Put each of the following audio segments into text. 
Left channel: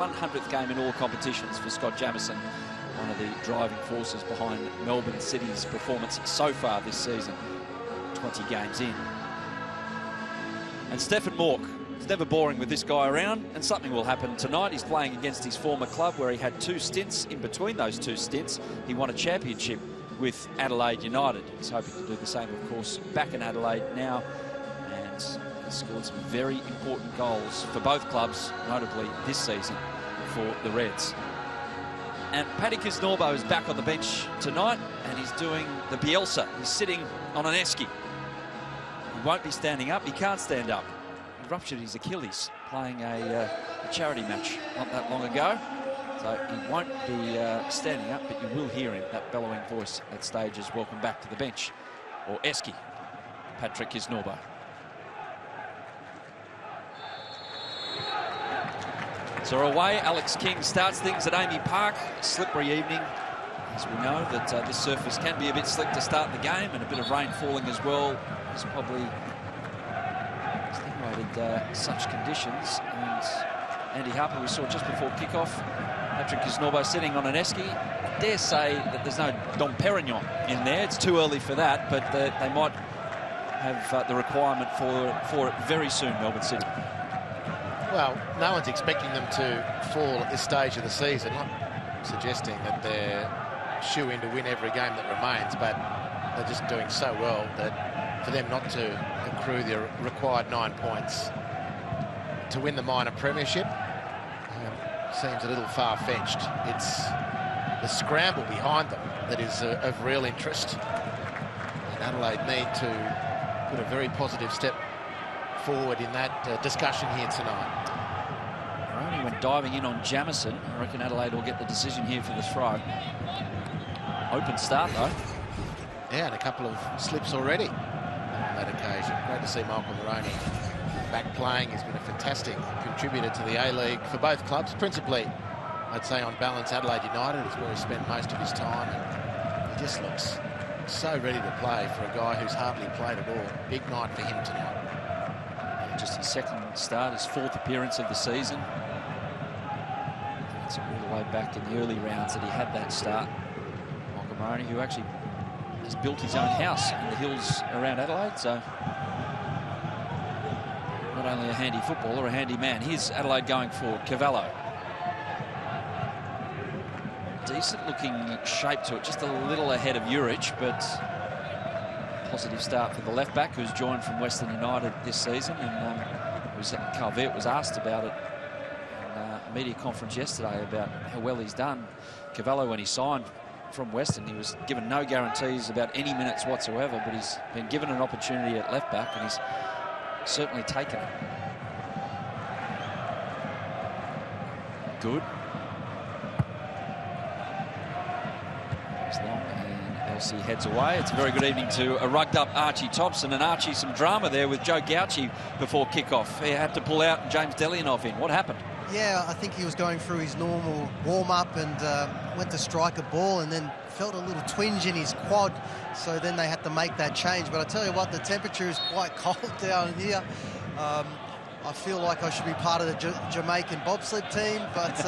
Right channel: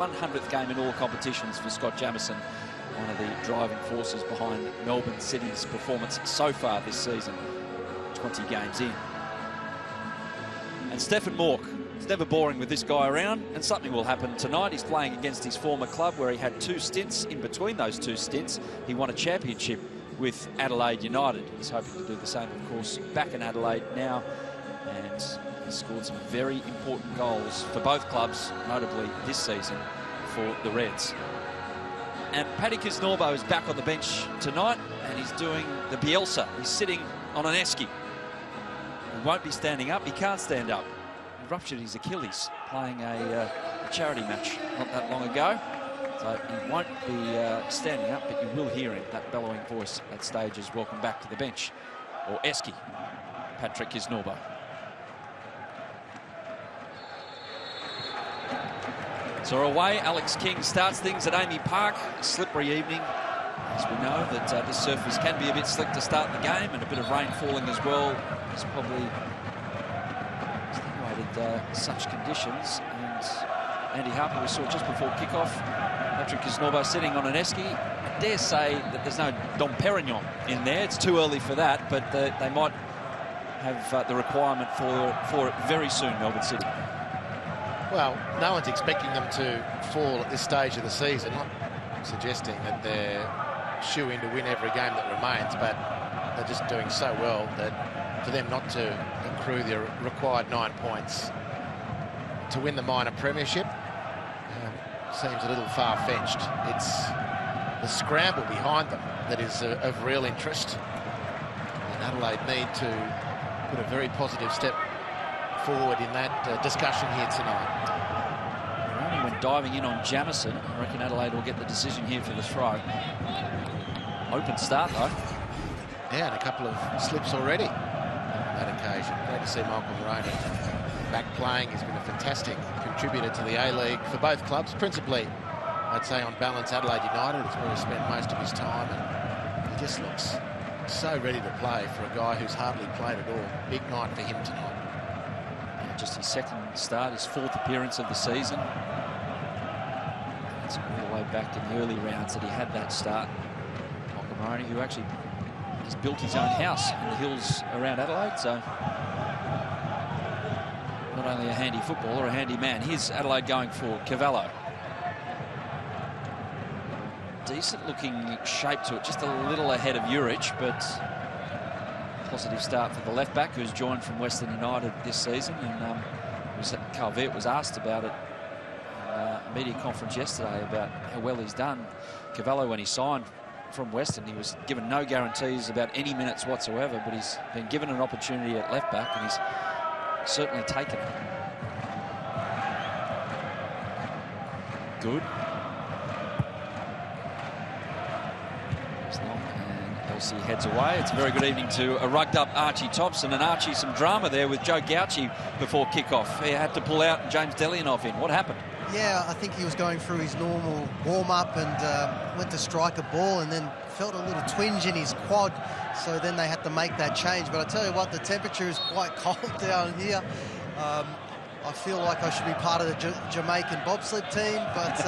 100th game in all competitions for Scott Jamison, one of the driving forces behind Melbourne City's performance so far this season, 20 games in. And Stefan Mork, it's never boring with this guy around, and something will happen tonight. He's playing against his former club where he had 2 stints. In between those 2 stints, he won a championship with Adelaide United. He's hoping to do the same, of course, back in Adelaide now, and he scored some very important goals for both clubs, notably this season for the Reds. And Paddy Kisnorbo is back on the bench tonight, and he's doing the Bielsa. He's sitting on an esky. He won't be standing up. He can't stand up. He ruptured his Achilles playing a charity match not that long ago. So he won't be standing up, but you will hear him, that bellowing voice at stages. Welcome back to the bench, or esky, Patrick Kisnorbo. So away, Alex King starts things at Amy Park. A slippery evening, as we know that this surface can be a bit slick to start the game, and a bit of rain falling as well has probably extenuated such conditions. And Andy Harper, we saw just before kickoff, Patrick Kisnorbo sitting on an esky. I dare say that there's no Dom Perignon in there. It's too early for that, but they might have the requirement for it very soon, Melbourne City. Well, no one's expecting them to fall at this stage of the season. Not suggesting that they're shoe-in to win every game that remains, but they're just doing so well that for them not to accrue the required 9 points to win the minor premiership seems a little far-fetched. It's the scramble behind them that is of real interest. And Adelaide need to put a very positive step forward in that discussion here tonight. Ronnie went diving in on Jamison. I reckon Adelaide will get the decision here for the throw. Open start, though. Yeah, and a couple of slips already on that occasion. Great to see Michael Moroney back playing. He's been a fantastic contributor to the A-League for both clubs. Principally, I'd say on balance, Adelaide United is where he spent most of his time, and he just looks so ready to play for a guy who's hardly played at all. Big night for him tonight. Yeah, just his 2nd start, his 4th appearance of the season. It's all the way back in the early rounds that he had that start. Michael Moroney, who actually has built his own house in the hills around Adelaide, so not only a handy footballer, a handy man. Here's Adelaide going forward. Cavallo. Decent looking shape to it, just a little ahead of Urich, but positive start for the left back, who's joined from Western United this season. And Calvert was asked about it in a media conference yesterday about how well he's done. Cavallo, when he signed from Western, he was given no guarantees about any minutes whatsoever, but he's been given an opportunity at left back, and he's certainly taken it. Good. It's long, and Elsie heads away. It's a very good evening to a rugged up Archie Thompson. And Archie, some drama there with Joe Gauci before kickoff. He had to pull out and James Delianoff in. What happened? Yeah, I think he was going through his normal warm-up and went to strike a ball and then felt a little twinge in his quad. So then they had to make that change. But I tell you what, the temperature is quite cold down here. I feel like I should be part of the Jamaican bobsled team. But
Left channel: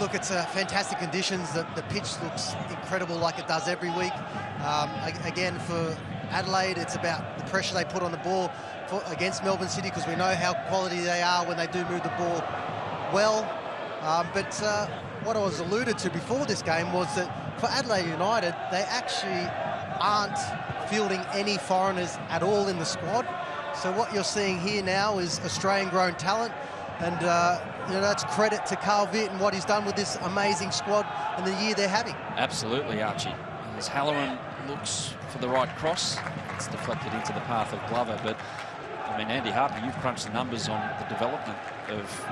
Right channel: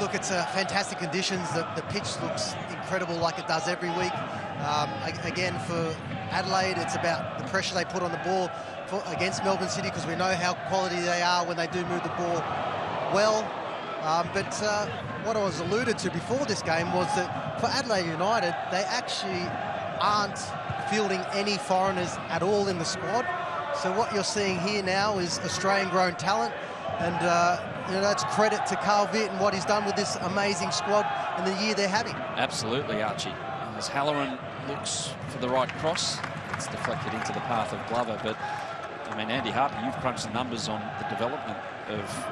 look, it's fantastic conditions. The pitch looks incredible like it does every week. Again, for Adelaide, it's about the pressure they put on the ball against Melbourne City, because we know how quality they are when they do move the ball well. But what I was alluded to before this game was that for Adelaide United, they actually aren't fielding any foreigners at all in the squad. So what you're seeing here now is Australian-grown talent, and you know, that's credit to Calvert and what he's done with this amazing squad and the year they're having. Absolutely, Archie. As Halloran looks for the right cross, it's deflected into the path of Glover. But I mean, Andy Harper, you've crunched the numbers on the development of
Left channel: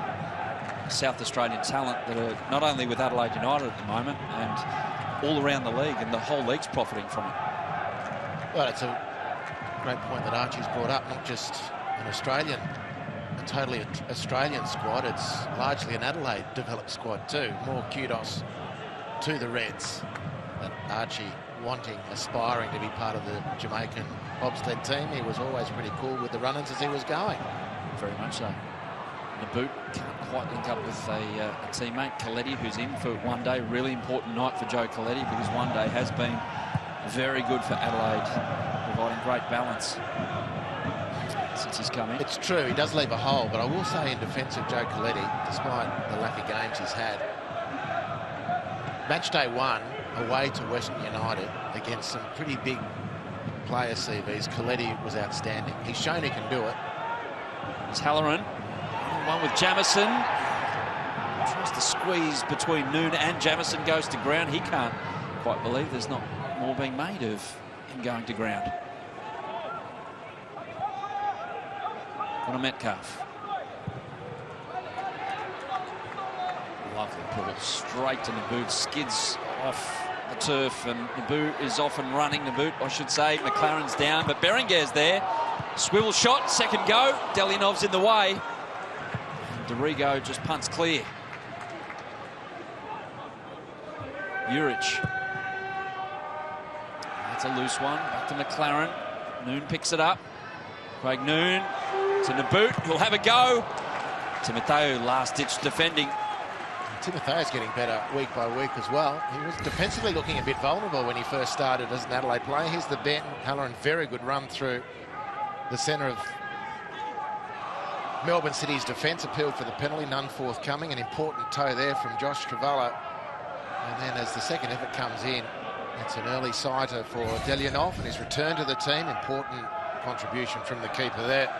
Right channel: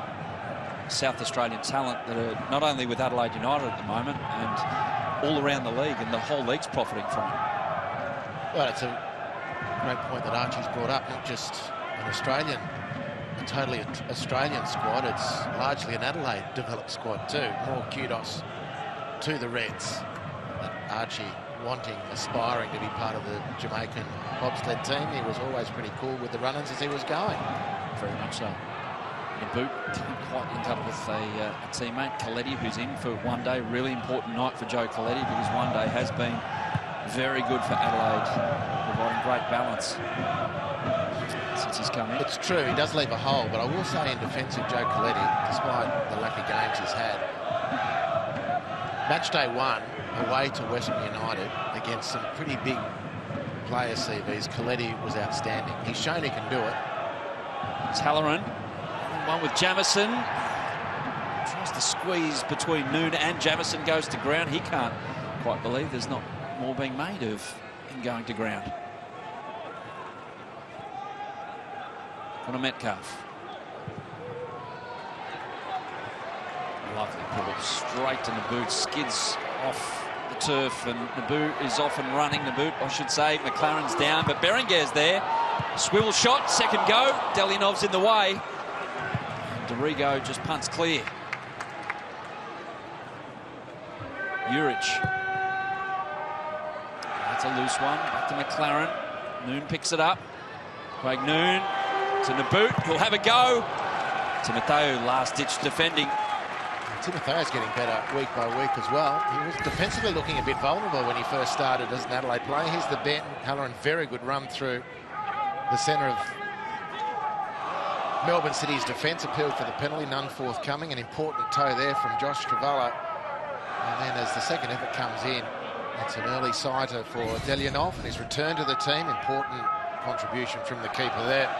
South Australian talent that are not only with Adelaide United at the moment and all around the league, and the whole league's profiting from it. Well, it's a great point that Archie's brought up. Not just an Australian, a totally Australian squad. It's largely an Adelaide developed squad too. More kudos to the Reds. That Archie wanting, aspiring to be part of the Jamaican bobsled team. He was always pretty cool with the run-ins as he was going. Very much so. Nabbout can't quite link up with a teammate, Coletti, who's in for one day. Really important night for Joe Coletti because one day has been very good for Adelaide, providing great balance since he's come in. It's true, he does leave a hole, but I will say in defence of Joe Coletti, despite the lack of games he's had, match day 1 away to Western United against some pretty big player CVs, Coletti was outstanding. He's shown he can do it. It's Halloran. One with Jamison. Tries to squeeze between Noon and Jamison, goes to ground. He can't quite believe there's not more being made of him going to ground. Connor Metcalf. Lovely ball straight to Nabbout. Skids off the turf and Nabbout is off and running. Nabbout, I should say. McLaren's down, but Berenguer's there. Swivel shot, second go. Delyanov's in the way. Dorigo just punts clear. Urich. That's a loose one. Back to McLaren. Noon picks it up. Craig Noon to Nabbout. He'll have a go. Timoteo last-ditch defending. Timotheo's getting better week by week as well. He was defensively looking a bit vulnerable when he first started as an Adelaide player. Here's the Benton Halloran, very good run through the centre of Melbourne City's defence. Appealed for the penalty, none forthcoming. An important toe there from Josh Travallo. And then as the second effort comes in, it's an early sighter for Delyanov and his return to the team. Important contribution from the keeper there.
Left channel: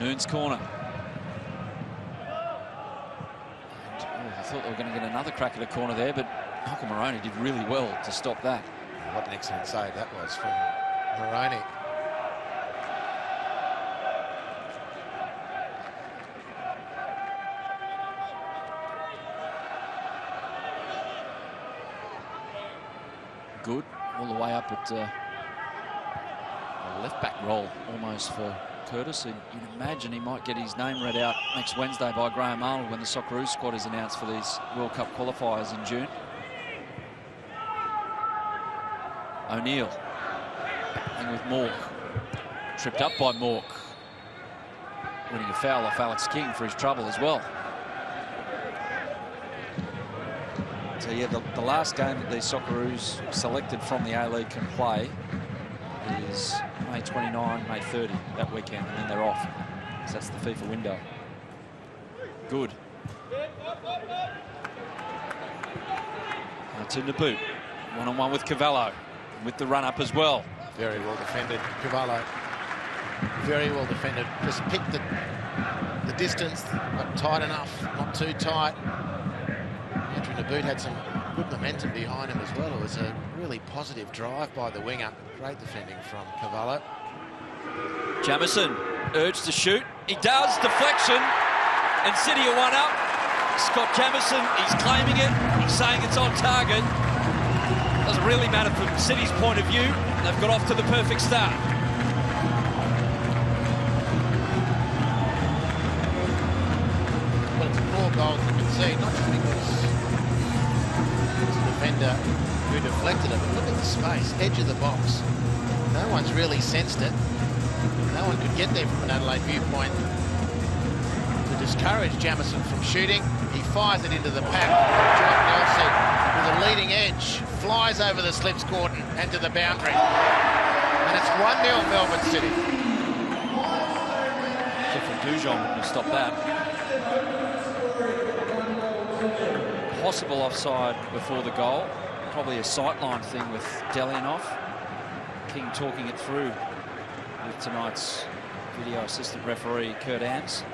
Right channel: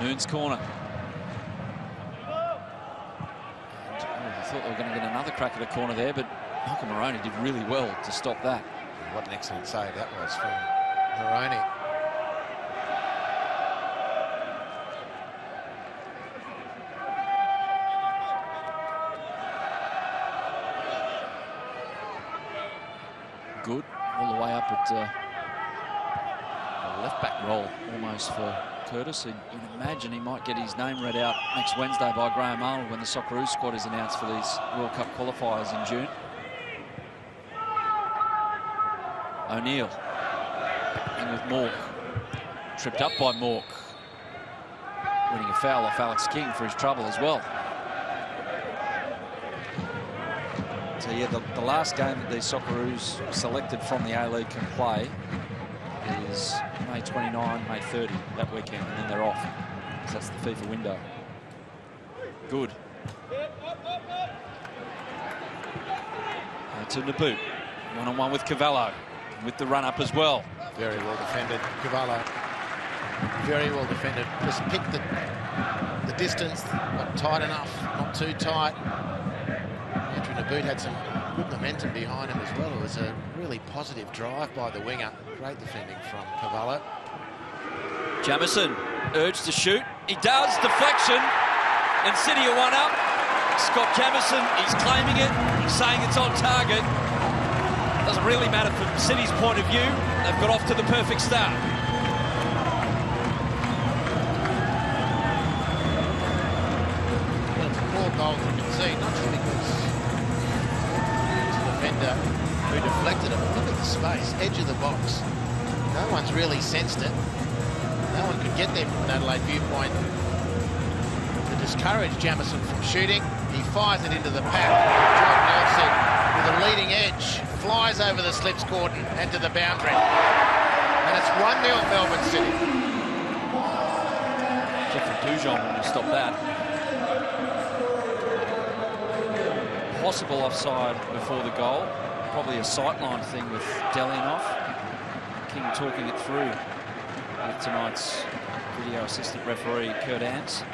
Noon's corner. I thought they were going to get another crack at the corner there, but Michael Moroney did really well to stop that. What an excellent save that was from Moroney. Good, all the way up at a left-back role almost for Curtis. You'd imagine he might get his name read out next Wednesday by Graham Arnold when the Socceroos squad is announced for these World Cup qualifiers in June. O'Neill in with Mork. Tripped up by Mork. Winning a foul off Alex King for his trouble as well. So yeah, the last game that these Socceroos selected from the A-League can play is May 29, May 30, that weekend, and then they're off. So that's the FIFA window. Good. Now to Nabbout. One-on-one with Cavallo. With the run-up as well. Very well defended, Cavallo. Very well defended. Just picked the distance, not tight enough, not too tight. Andrew Nabbout had some good momentum behind him as well. It was a really positive drive by the winger. Great defending from Cavallo. Jamison urged to shoot. He does. Deflection. And City are one up. Scott Jamison, he's claiming it. He's saying it's on target. Doesn't really matter from City's point of view. They've got off to the perfect start. Well, it's a poor goal to concede, not just because it's a defender who deflected it, but look at the space, edge of the box. No one's really sensed it. No one could get there from an Adelaide viewpoint to discourage Jamison from shooting. He fires it into the pack. Jordan Nelson with a leading edge, flies over the slips cordon and to the boundary. And it's 1-0 Melbourne City. Jeffrey Dujon wouldn't have stopped that. Possible offside before the goal. Probably a sightline thing with Delyanov. King talking it through with tonight's video assistant referee, Kurt Ams.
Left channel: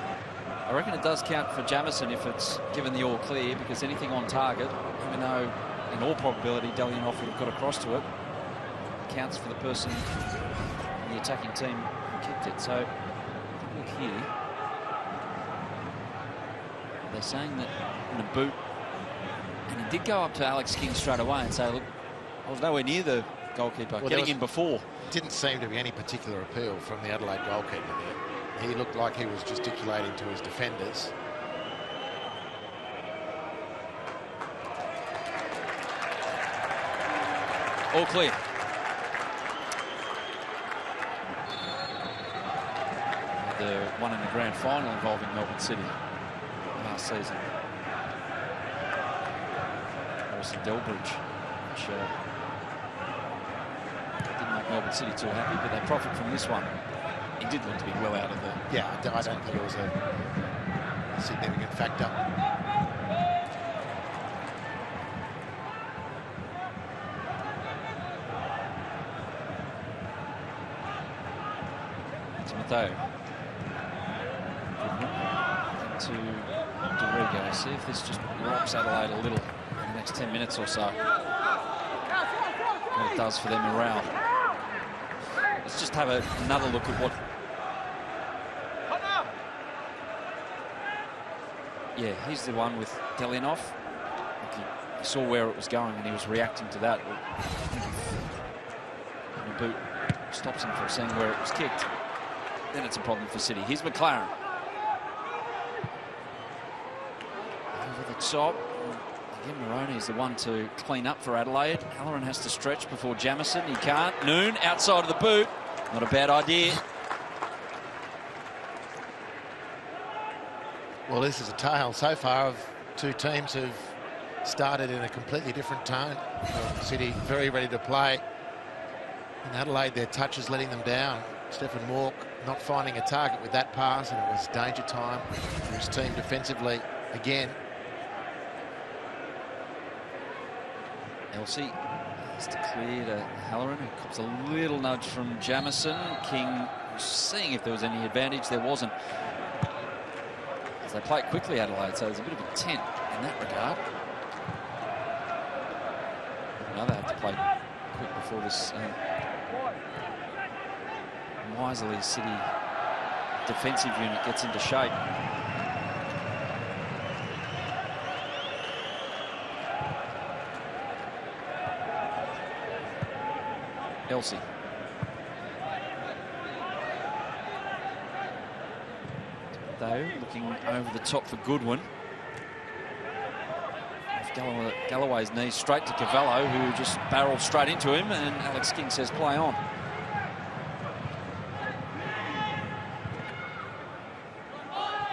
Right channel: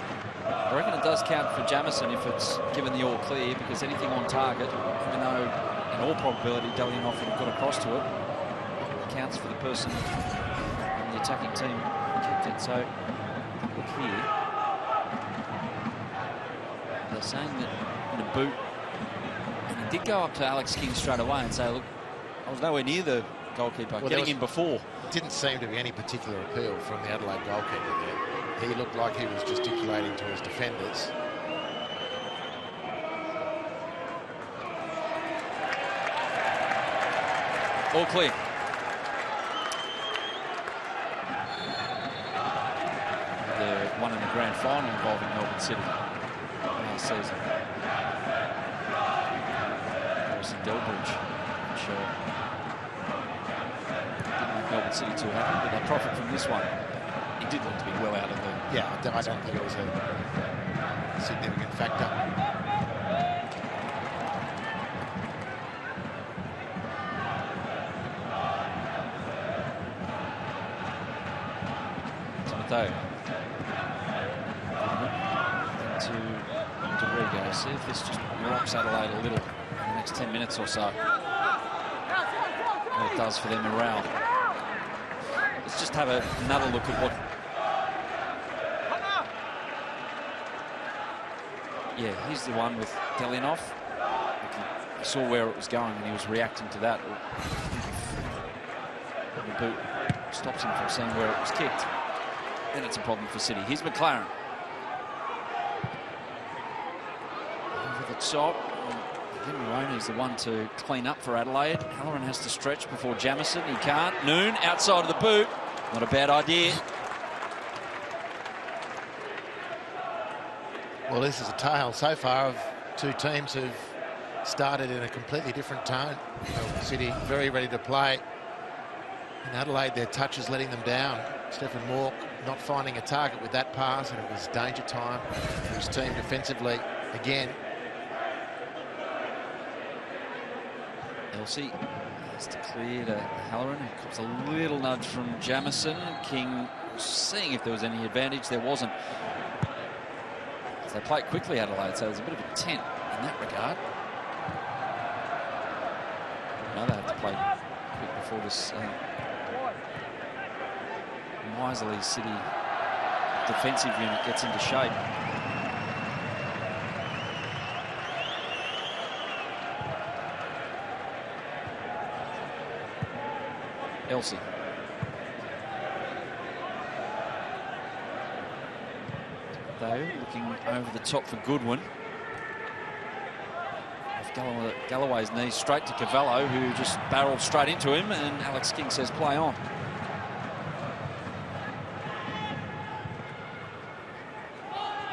I reckon it does count for Jamison if it's given the all clear, because anything on target, even though in all probability Delyanov would have got across to it, counts for the person in the attacking team who kicked it. So look here. They're saying that Nabbout, and he did go up to Alex King straight away and say, look, I was nowhere near the goalkeeper, getting in before. Didn't seem to be any particular appeal from the Adelaide goalkeeper there. He looked like he was gesticulating to his defenders. All clear. The one in the grand final involving Melbourne City last season. Harrison Delbridge, which didn't make Melbourne City too happy, but they profit from this one. He did look to be well out of the... Yeah, I don't think it was a significant factor. Timoteo. Into Dorigo. See if this just rocks Adelaide a little in the next 10 minutes or so. What it does for their morale. Let's just have another look at what... Yeah, here's the one with Delinov. Like he saw where it was going and he was reacting to that. The boot stops him from seeing where it was kicked. Then it's a problem for City. Here's McLaren. Over the top. Again, Moroney's the one to clean up for Adelaide. Halloran has to stretch before Jamison. He can't. Noon outside of the boot. Not a bad idea. Well, this is a tale so far of two teams who've started in a completely different tone. Melbourne City very ready to play. In Adelaide, their touch is letting them down. Stephen Mork not finding a target with that pass, and it was danger time for his team defensively again. Elsie has to clear to Halloran, who cops a little nudge from Jamison. King was seeing if there was any advantage. There wasn't. As they play it quickly, Adelaide, so there's a bit of intent in that regard. Now they have to play quick before this miserly City defensive unit gets into shape. Elsie. Though, looking over the top for Goodwin. Off Galloway's knees straight to Cavallo, who just barreled straight into him, and Alex King says play on.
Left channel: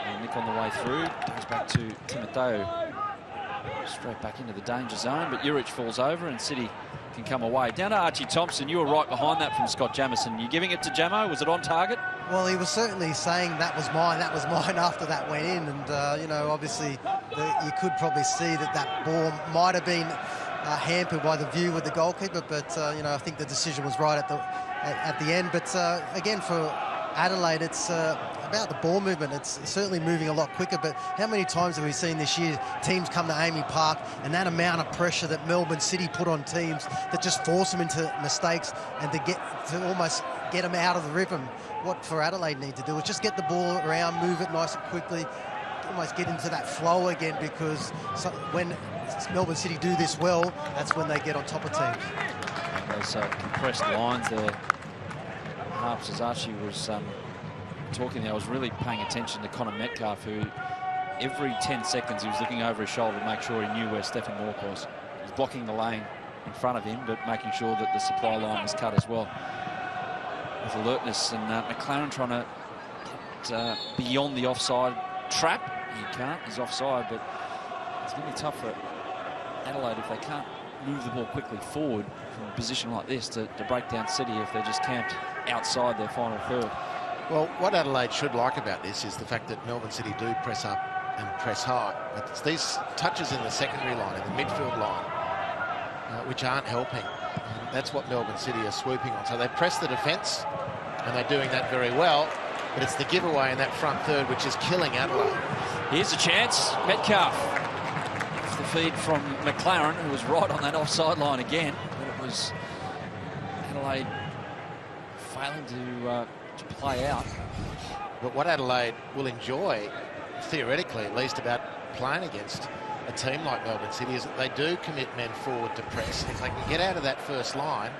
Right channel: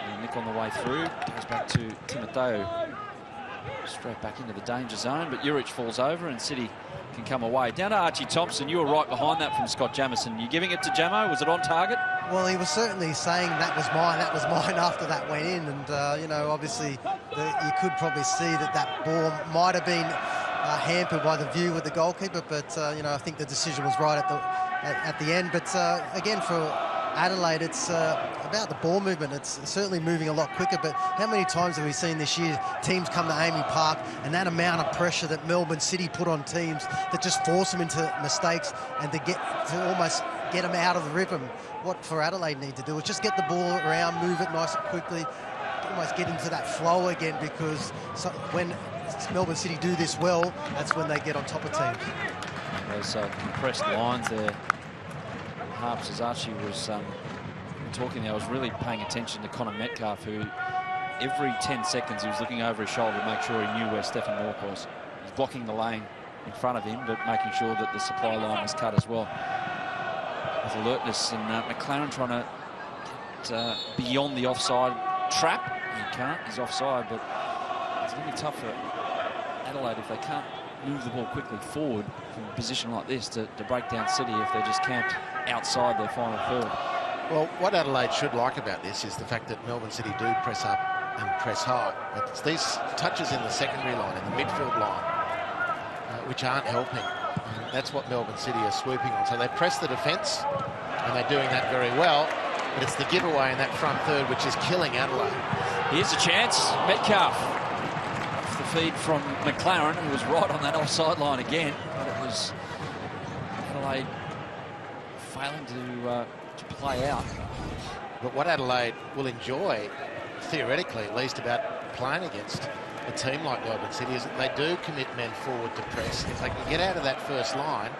And Nick on the way through, goes back to Timoteo. Straight back into the danger zone, but Urich falls over and City can come away. Down to Archie Thompson. You were right behind that from Scott Jamison. You giving it to Jamo? Was it on target? Well, he was certainly saying that was mine after that went in. And, you know, obviously you could probably see that ball might have been hampered by the view with the goalkeeper. But, you know, I think the decision was right at the end. But, again, for Adelaide, it's about the ball movement. It's certainly moving a lot quicker, but how many times have we seen this year teams come to Amy Park and that amount of pressure that Melbourne City put on teams that just force them into mistakes and to almost get them out of the rhythm? What for Adelaide need to do is just get the ball around, move it nice and quickly, almost get into that flow again, because when Melbourne City do this well, that's when they get on top of teams. Those compressed lines there. Harps, as Archie was talking there, I was really paying attention to Connor Metcalf, who every 10 seconds he was looking over his shoulder to make sure he knew where Stephen Mork was. He's blocking the lane in front of him, but making sure that the supply line was cut as well. With alertness, and McLaren trying to get beyond the offside trap. He can't, he's offside, but it's going to be tough for Adelaide if they can't move the ball quickly forward from a position like this to break down City if they're just camped outside their final third. Well, what Adelaide should like about this is the fact that Melbourne City do press up and press high. It's these touches in the secondary line, in the midfield line, which aren't helping. And that's what Melbourne City are swooping on. So they press the defence, and they're doing that very well, but it's the giveaway in that front third which is killing Adelaide. Here's a chance. Metcalf. Off the feed from McLaren, who was right on that offside line again, but it was Adelaide failing to play out. But what Adelaide will enjoy, theoretically at least, about playing against a team like Melbourne City is that they do commit men forward to press. If they can get out of that first line,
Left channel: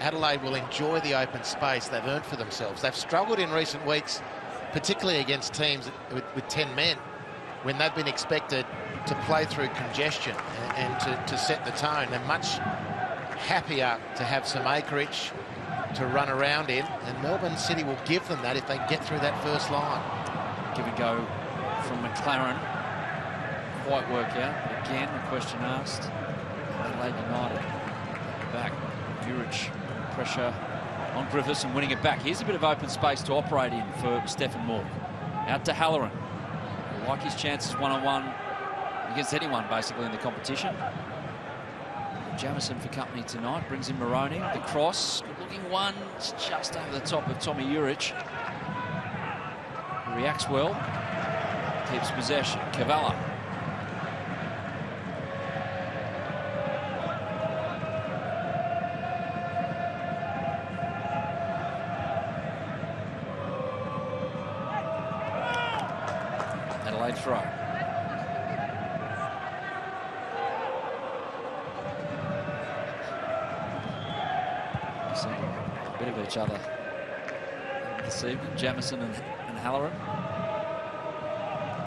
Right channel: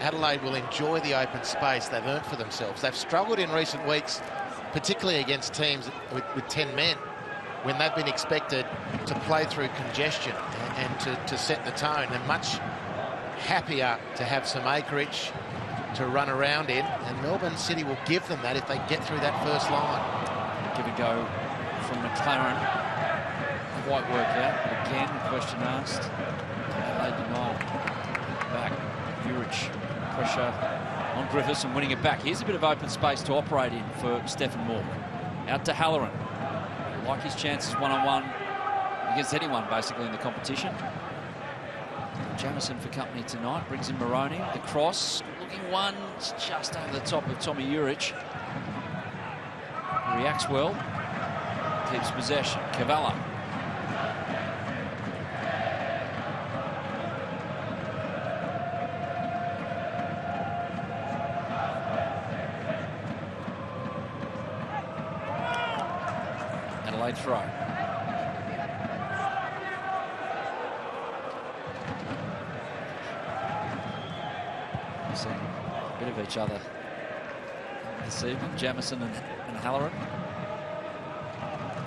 Adelaide will enjoy the open space they've earned for themselves. They've struggled in recent weeks, particularly against teams with 10 men, when they've been expected to play through congestion and to set the tone. They're much happier to have some acreage to run around in, and Melbourne City will give them that if they get through that first line. Give a go from McLaren. Quite work out, but again, the question asked. Adelaide United back. Urich, pressure on Griffiths and winning it back. Here's a bit of open space to operate in for Stephen Mork. Out to Halloran. He'll like his chances one-on-one against anyone, basically, in the competition. Jamison for company tonight. Brings in Moroney. The cross. Good-looking one. It's just over the top of Tommy Urich. He reacts well. Keeps possession. Cavallo. Adelaide throw. Seeing a bit of each other this evening. Jamison and Halloran.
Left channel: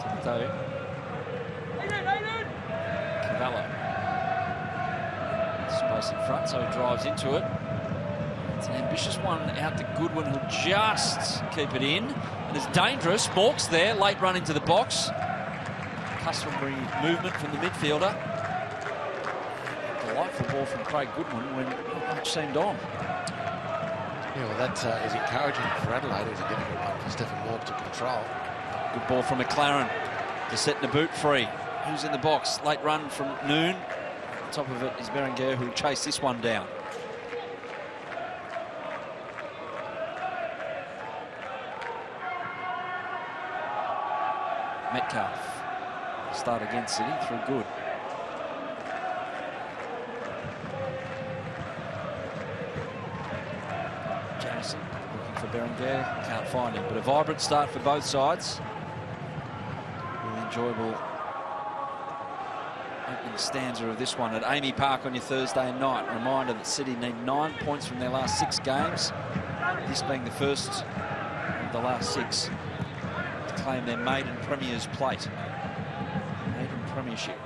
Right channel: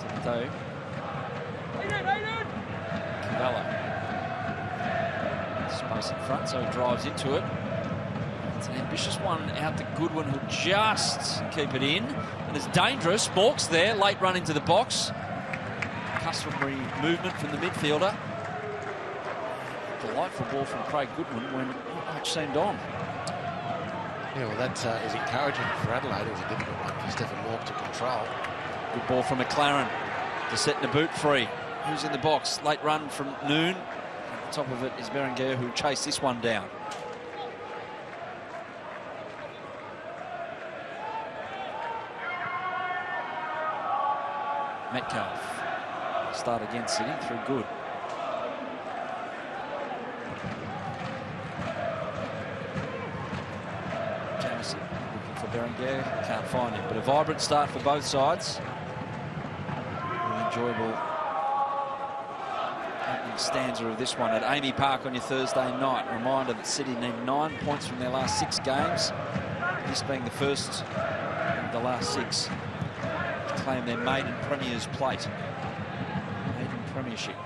Timoteo. Cavallo. Space in front, so he drives into it. It's an ambitious one out to Goodwin, who'll just keep it in. And it's dangerous. Mork's there, late run into the box. Customary movement from the midfielder. Delightful ball from Craig Goodwin when not much seemed on. Yeah, well, that is encouraging for Adelaide. It was a difficult one for Stephen Mork to control. Good ball from McLaren to set Naboot free. Who's in the box? Late run from Noon. At the top of it is Berenguer, who'll chase this one down. Metcalf. Start against City through Good. Jamison looking for Berenguer. Can't find him, but a vibrant start for both sides. Really enjoyable opening stanza of this one at Amy Park on your Thursday night. A reminder that City need 9 points from their last 6 games. This being the first of the last 6. Claim their maiden Premier's plate. Maiden Premiership.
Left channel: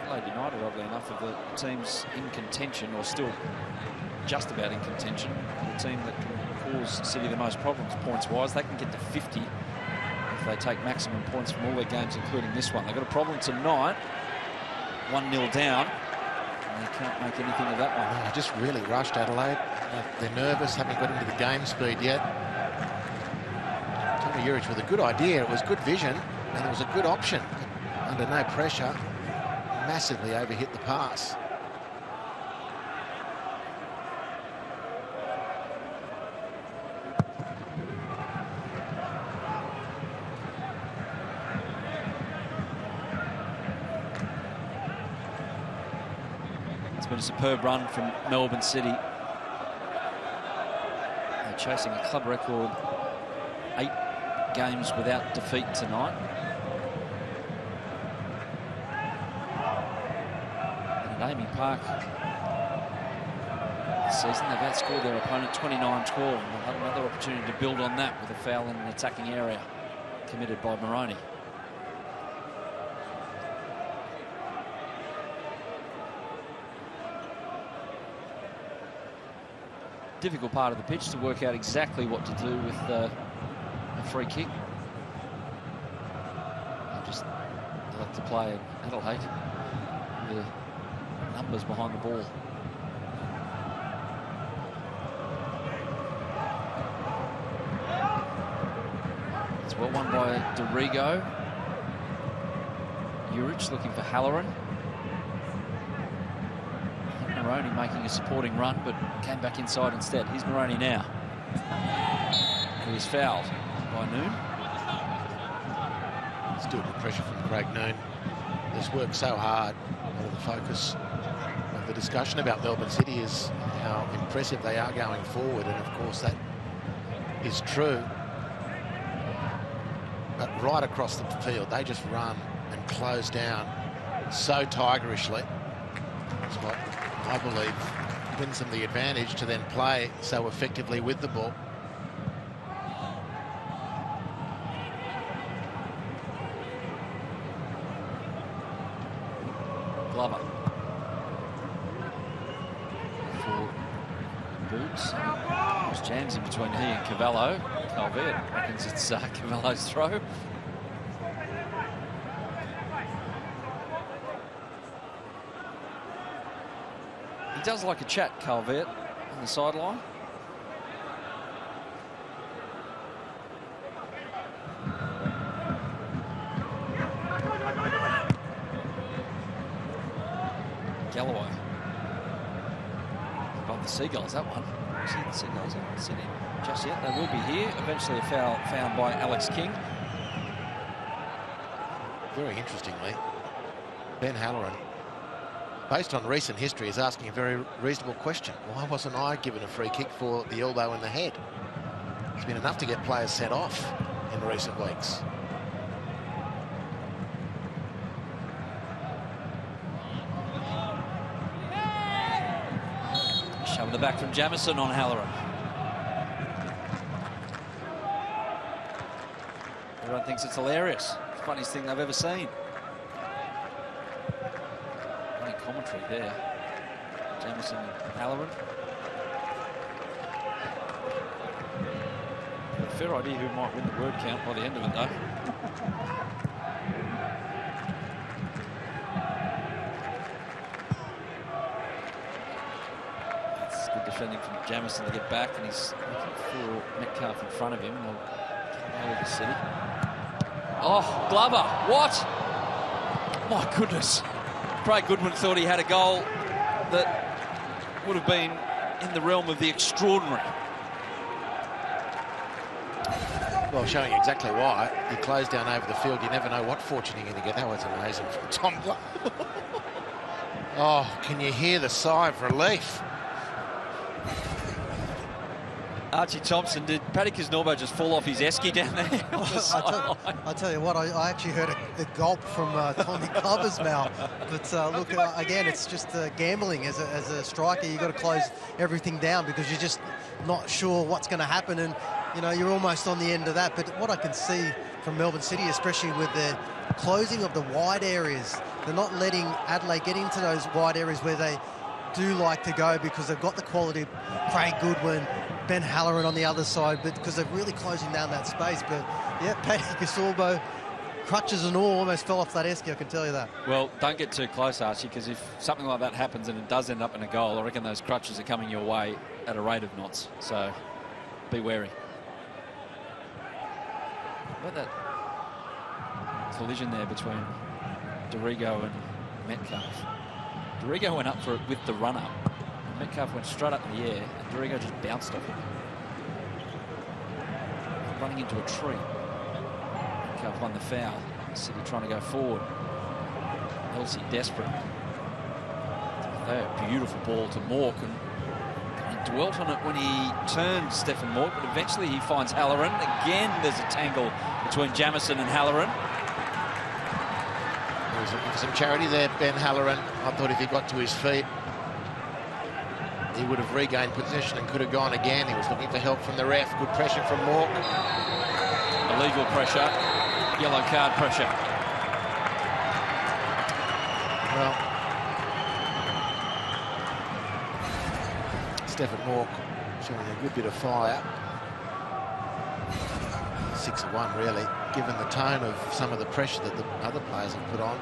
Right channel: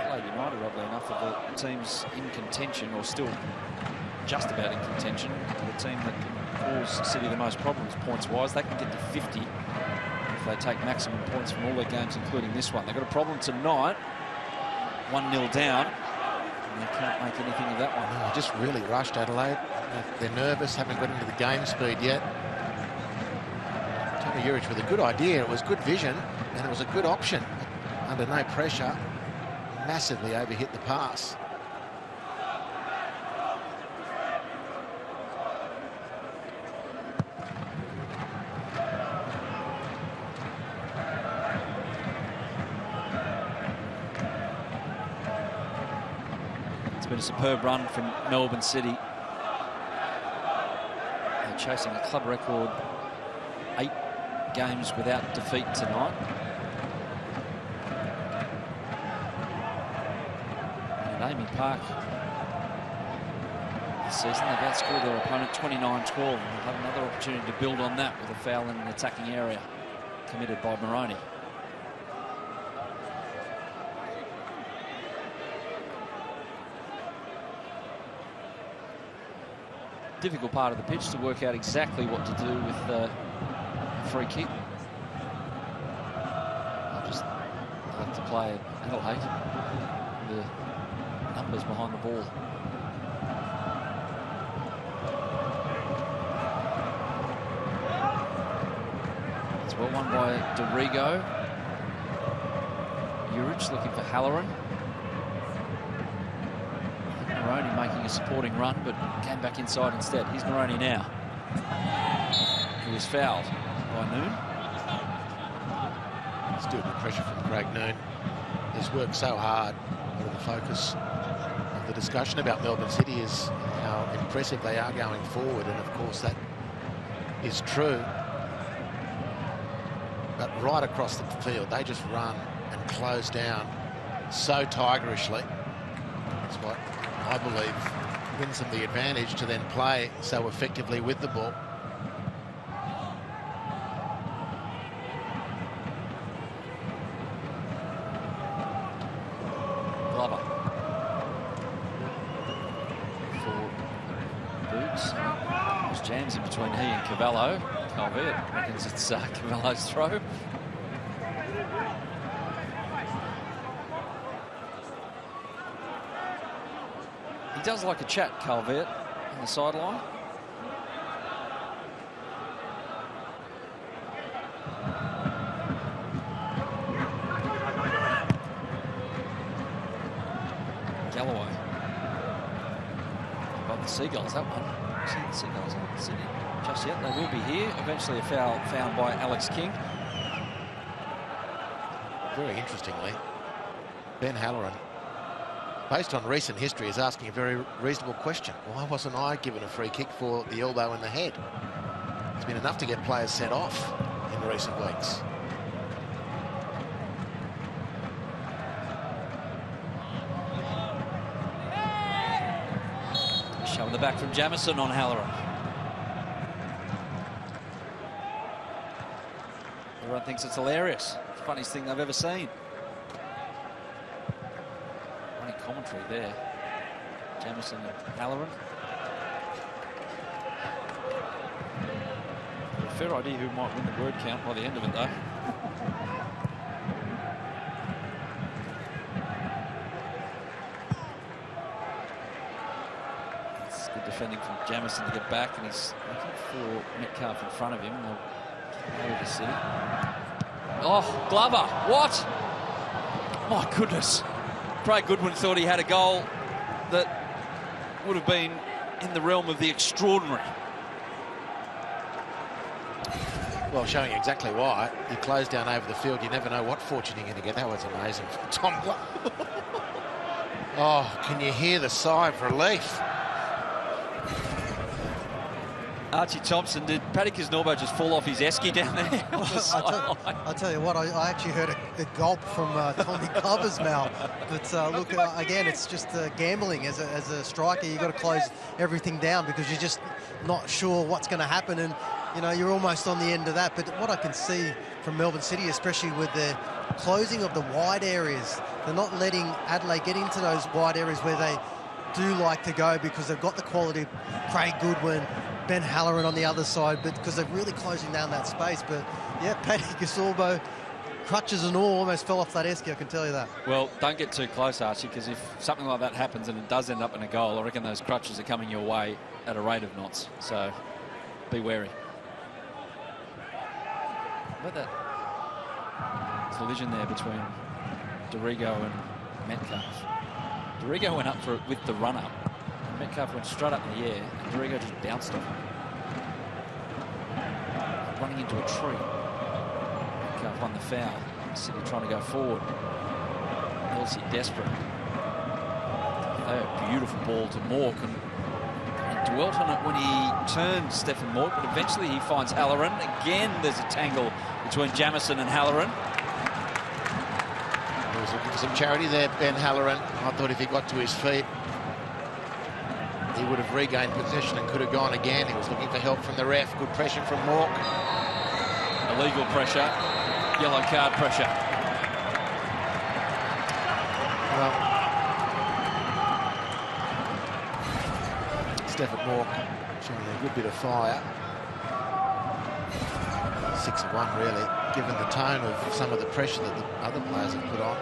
Adelaide United, oddly enough, are the teams in contention, or still just about in contention, the team that can cause City the most problems points-wise. They can get to 50 if they take maximum points from all their games, including this one. They've got a problem tonight, 1-0 down, and they can't make anything of that one. No, just really rushed Adelaide. They're nervous, haven't got into the game speed yet. Tommy Urich with a good idea. It was good vision, and it was a good option. Under no pressure, massively overhit the pass. It's been a superb run from Melbourne City. They're chasing a club record 8 games without defeat tonight. And at Amy Park this season, they've outscored their opponent 29-12. They'll have another opportunity to build on that with a foul in an attacking area committed by Moroney. Difficult part of the pitch to work out exactly what to do with a free kick. I just like to play Adelaide, the numbers behind the ball. It's well won by Dorigo. Urich looking for Halloran. Moroney making a supporting run, but came back inside instead. Here's Moroney now, who is fouled by Noon. Still good pressure from Craig Noon. He's worked so hard. A lot of the focus of the discussion about Melbourne City is how impressive they are going forward, and of course that is true. But right across the field, they just run and close down so tigerishly. That's what I believe wins them the advantage to then play so effectively with the ball. boots. There's jams in between he and Cavallo. Calvert reckons it's Cavallo's throw. He does like a chat, Calvert, on the sideline. Galloway. Above the Seagulls, that one. See the Seagulls haven't seen it just yet. They will be here. Eventually a foul found by Alex King. Very interestingly, Ben Halloran, based on recent history, is asking a very reasonable question. Why wasn't I given a free kick for the elbow in the head? It's been enough to get players sent off in recent weeks. Shoving the back from Jamison on Halloran. Everyone thinks it's hilarious. It's the funniest thing they've ever seen. Running commentary there. Jamison and Halloran. Got a fair idea who might win the word count by the end of it, though. It's good defending from Jamison to get back, and he's looking for Metcalf in front of him. They'll get away with the city. Oh, Glover, what? My goodness. Craig Goodwin thought he had a goal that would have been in the realm of the extraordinary. Well, showing exactly why. You close down over the field, you never know what fortune you're going to get. That was amazing from Tom Glover. Oh, can you hear the sigh of relief? Archie Thompson, did Paddy Kisnorbo just fall off his esky down there on the sideline? I'll tell you what, I actually heard a gulp from Tommy Glover's mouth. But look, again, it's just gambling. As a striker, you've got to close everything down because you're just not sure what's going to happen. And, you know, you're almost on the end of that. But what I can see from Melbourne City, especially with the closing of the wide areas, they're not letting Adelaide get into those wide areas where they do like to go because they've got the quality of Craig Goodwin, Ben Halloran on the other side, but because they're really closing down that space. But yeah, Paddy Kisnorbo, crutches and all, almost fell off that esky, I can tell you that. Well, don't get too close, Archie, because if something like that happens and it does end up in a goal, I reckon those crutches are coming your way at a rate of knots. So be wary. How about that collision there between Dorigo and Metcalf? Dorigo went up for it with the run-up. Metcalf went straight up in the air, and Dorigo just bounced off him. Running into a tree. Metcalf won the foul. City trying to go forward. Elsie desperate. A beautiful ball to Mork, and he dwelt on it when he turned Stephen Mork, but eventually he finds Halloran. Again, there's a tangle between Jamison and Halloran. He was looking for some charity there, Ben Halloran. I thought if he got to his feet, he would have regained possession and could have gone again. He was looking for help from the ref. Good pressure from Mork. Illegal pressure. Yellow card pressure. Well, Stephen Mork showing a good bit of fire. 6-1 really, given the tone of some of the pressure that the other players have put on.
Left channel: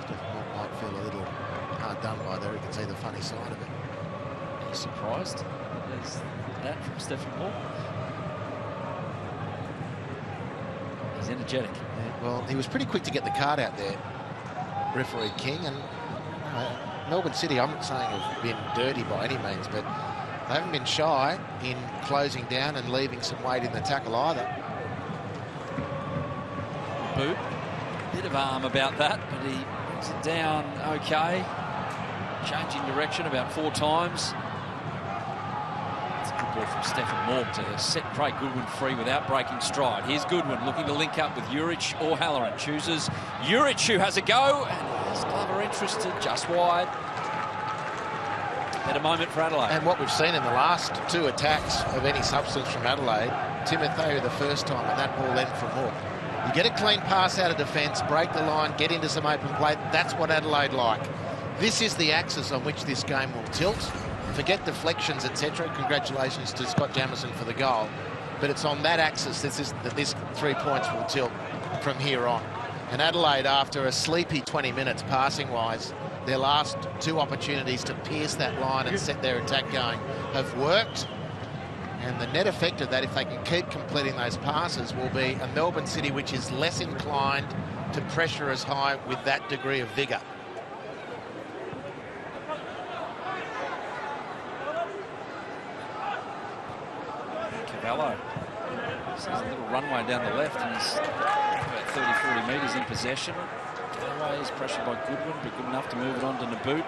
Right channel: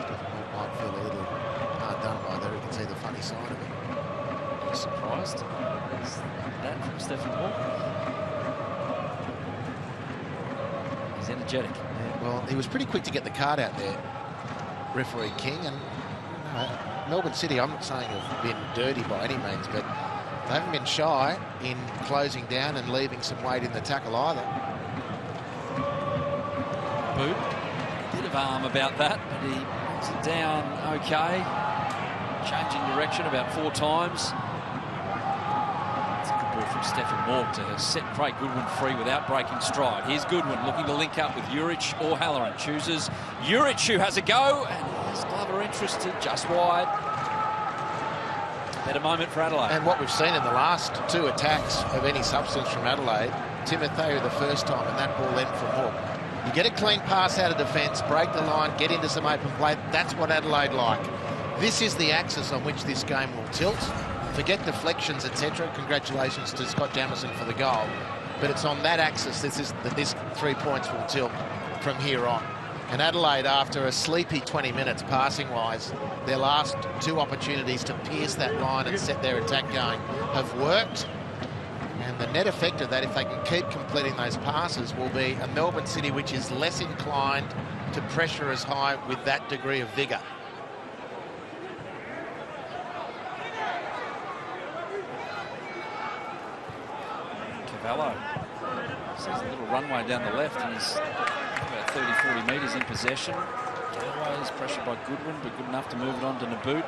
Stephen Mork might feel a little hard done by there. You can see the funny side of it. Are you surprised that there's that from Stephen Mork? He's energetic. Yeah, well, he was pretty quick to get the card out there, referee King. And Melbourne City, I'm not saying have been dirty by any means, but they haven't been shy in closing down and leaving some weight in the tackle either. Boot, bit of arm about that, but he brings it down okay. Changing direction about 4 times. It's a good ball from Stephen Mork to set Craig Goodwin free without breaking stride. Here's Goodwin looking to link up with Juric or Halloran. Chooses Juric, who has a go, and has Glover interested just wide. Better moment for Adelaide. And what we've seen in the last 2 attacks of any substance from Adelaide, Timotheo the first time, and that ball then from Mork. You get a clean pass out of defence, break the line, get into some open play. That's what Adelaide like. This is the axis on which this game will tilt. forget deflections, etc. Congratulations to Scott Jamison for the goal. But it's on that axis that this 3 points will tilt from here on. And Adelaide, after a sleepy 20 minutes passing-wise, their last 2 opportunities to pierce that line and set their attack going have worked. And the net effect of that, if they can keep completing those passes, will be a Melbourne City which is less inclined to pressure as high with that degree of vigour. Cavallo. So there's a little runway down the left, and he's about 30-40 metres in possession. Galloway is pressured by Goodwin, but good enough to move it on to Nabbout.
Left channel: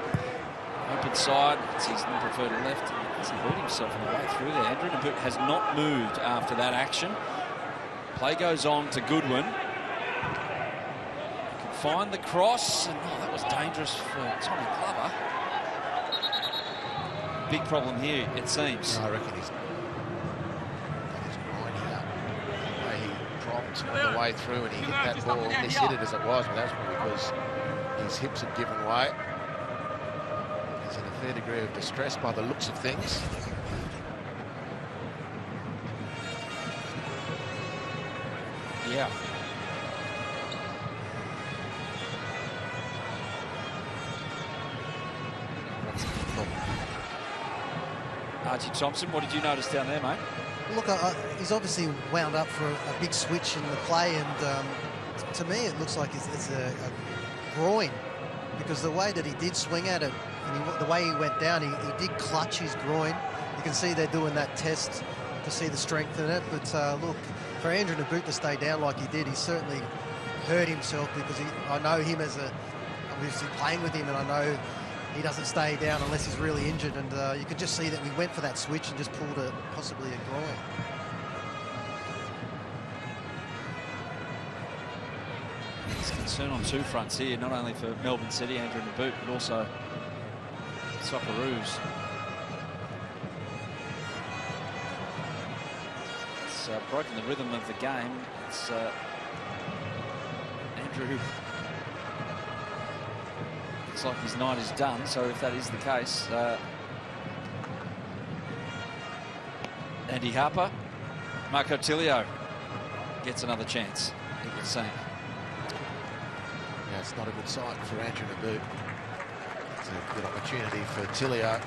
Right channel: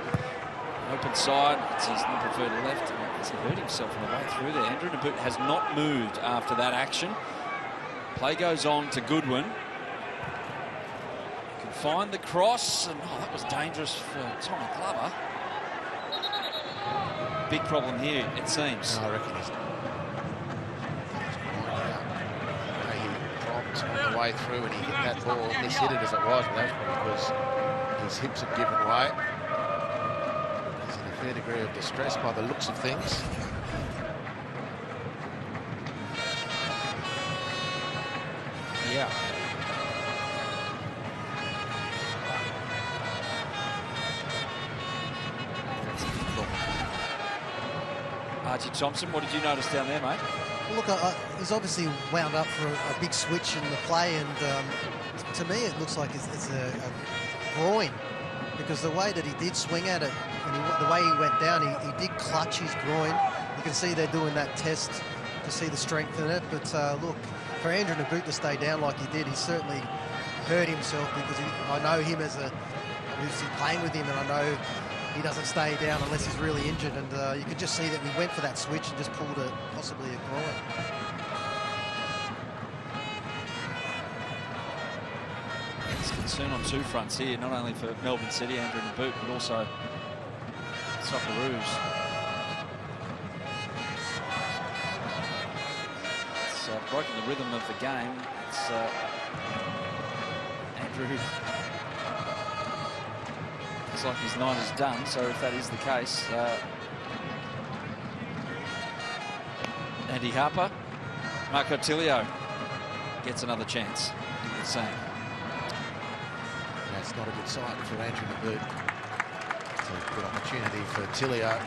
Open side, it's his preferred left. Has he hurt himself on the way through there? Andrew Nabbout has not moved after that action. Play goes on to Goodwin. He can find the cross, and that was dangerous for Tommy Glover. Big problem here, it seems. No, I reckon he's grinding up. The way he dropped on the way through and he hit that ball, mishit it as it was, but that was probably because his hips had given way. He's in a fair degree of distress by the looks of things. Yeah. That's a big problem. Archie Thompson, what did you notice down there, mate? Well, look, he's obviously wound up for a big switch in the play, and to me it looks like it's a groin, because the way that he did swing at it and the way he went down, he did clutch his groin. You can see they're doing that test to see the strength in it, but look, for Andrew Nabbout to stay down like he did, he certainly hurt himself, because I know him as obviously playing with him, and I know he doesn't stay down unless he's really injured, and you could just see that we went for that switch and just pulled possibly a groin. There's concern on 2 fronts here, not only for Melbourne City, Andrew Nabbout, but also Socceroos. It's broken the rhythm of the game. It's Andrew. Looks like his night is done, so if that is the case, Andy Harper, Marco Tilio gets another chance, it would seem. Yeah, it's not a good sight for Andrew Nabbout. It's a good opportunity for Tilio.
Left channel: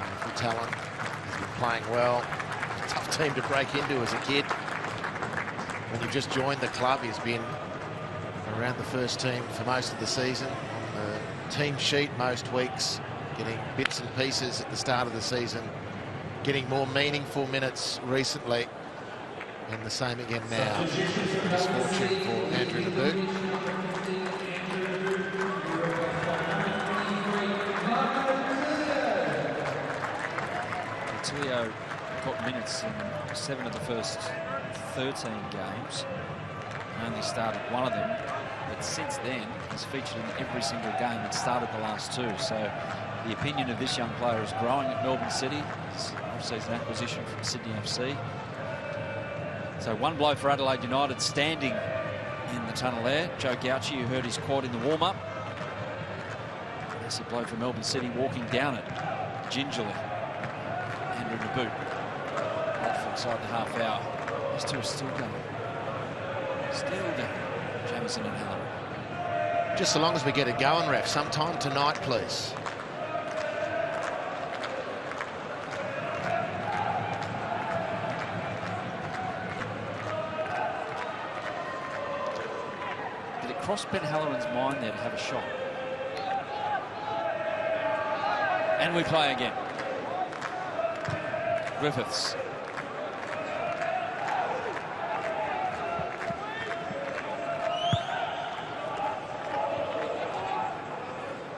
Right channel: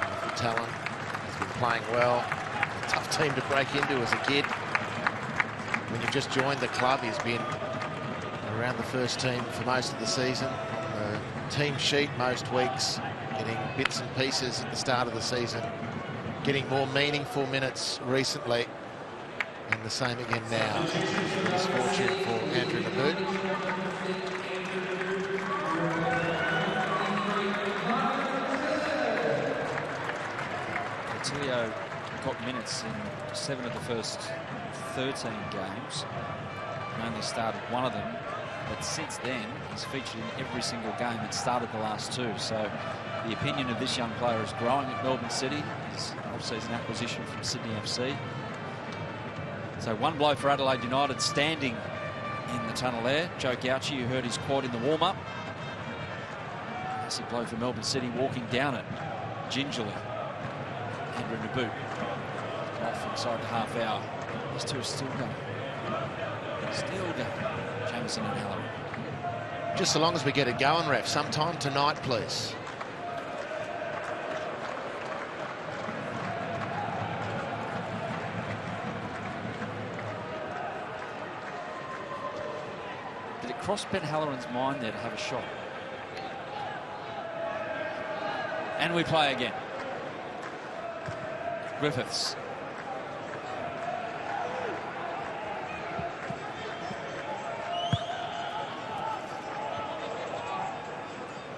Wonderful talent. He's been playing well. A tough team to break into as a kid. When you've just joined the club, he's been around the first team for most of the season. On the team sheet most weeks, getting bits and pieces at the start of the season, getting more meaningful minutes recently, and the same again now. Misfortune for Andrew Nabbout. Tilio got minutes in 7 of the first 13 games and only started 1 of them, but since then he's featured in every single game and started the last 2. So the opinion of this young player is growing at Melbourne City. It's obviously an acquisition from Sydney FC. So 1 blow for Adelaide United, standing in the tunnel there. Joe Gauchi, you heard his quad in the warm-up. Massive blow for Melbourne City, walking down it gingerly. Andrew Nabbout off inside the half hour. These 2 are still going. Still going. Jamison and Halloran. Just so long as we get it going, ref. Sometime tonight, please. Did it cross Ben Halloran's mind there to have a shot? And we play again. Griffiths.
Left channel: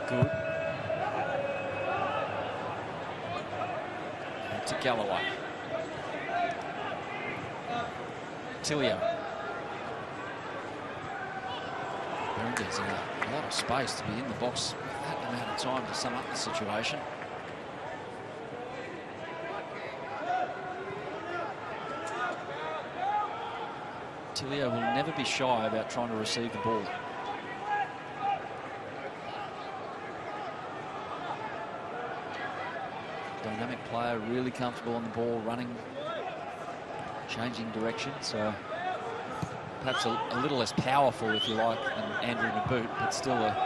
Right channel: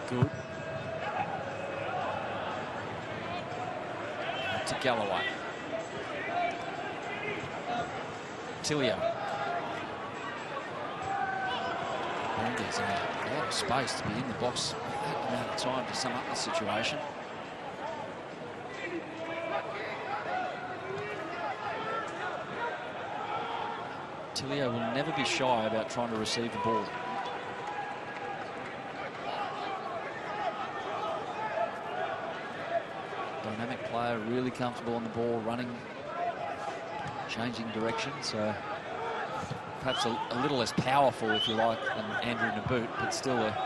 Good. And to Galloway. Tilio. Berengers in a lot of space to be in the box with that amount of time to sum up the situation. Tilio will never be shy about trying to receive the ball. Dynamic player, really comfortable on the ball, running, changing direction. So perhaps a little less powerful, if you like, than Andrew Naboot, but still a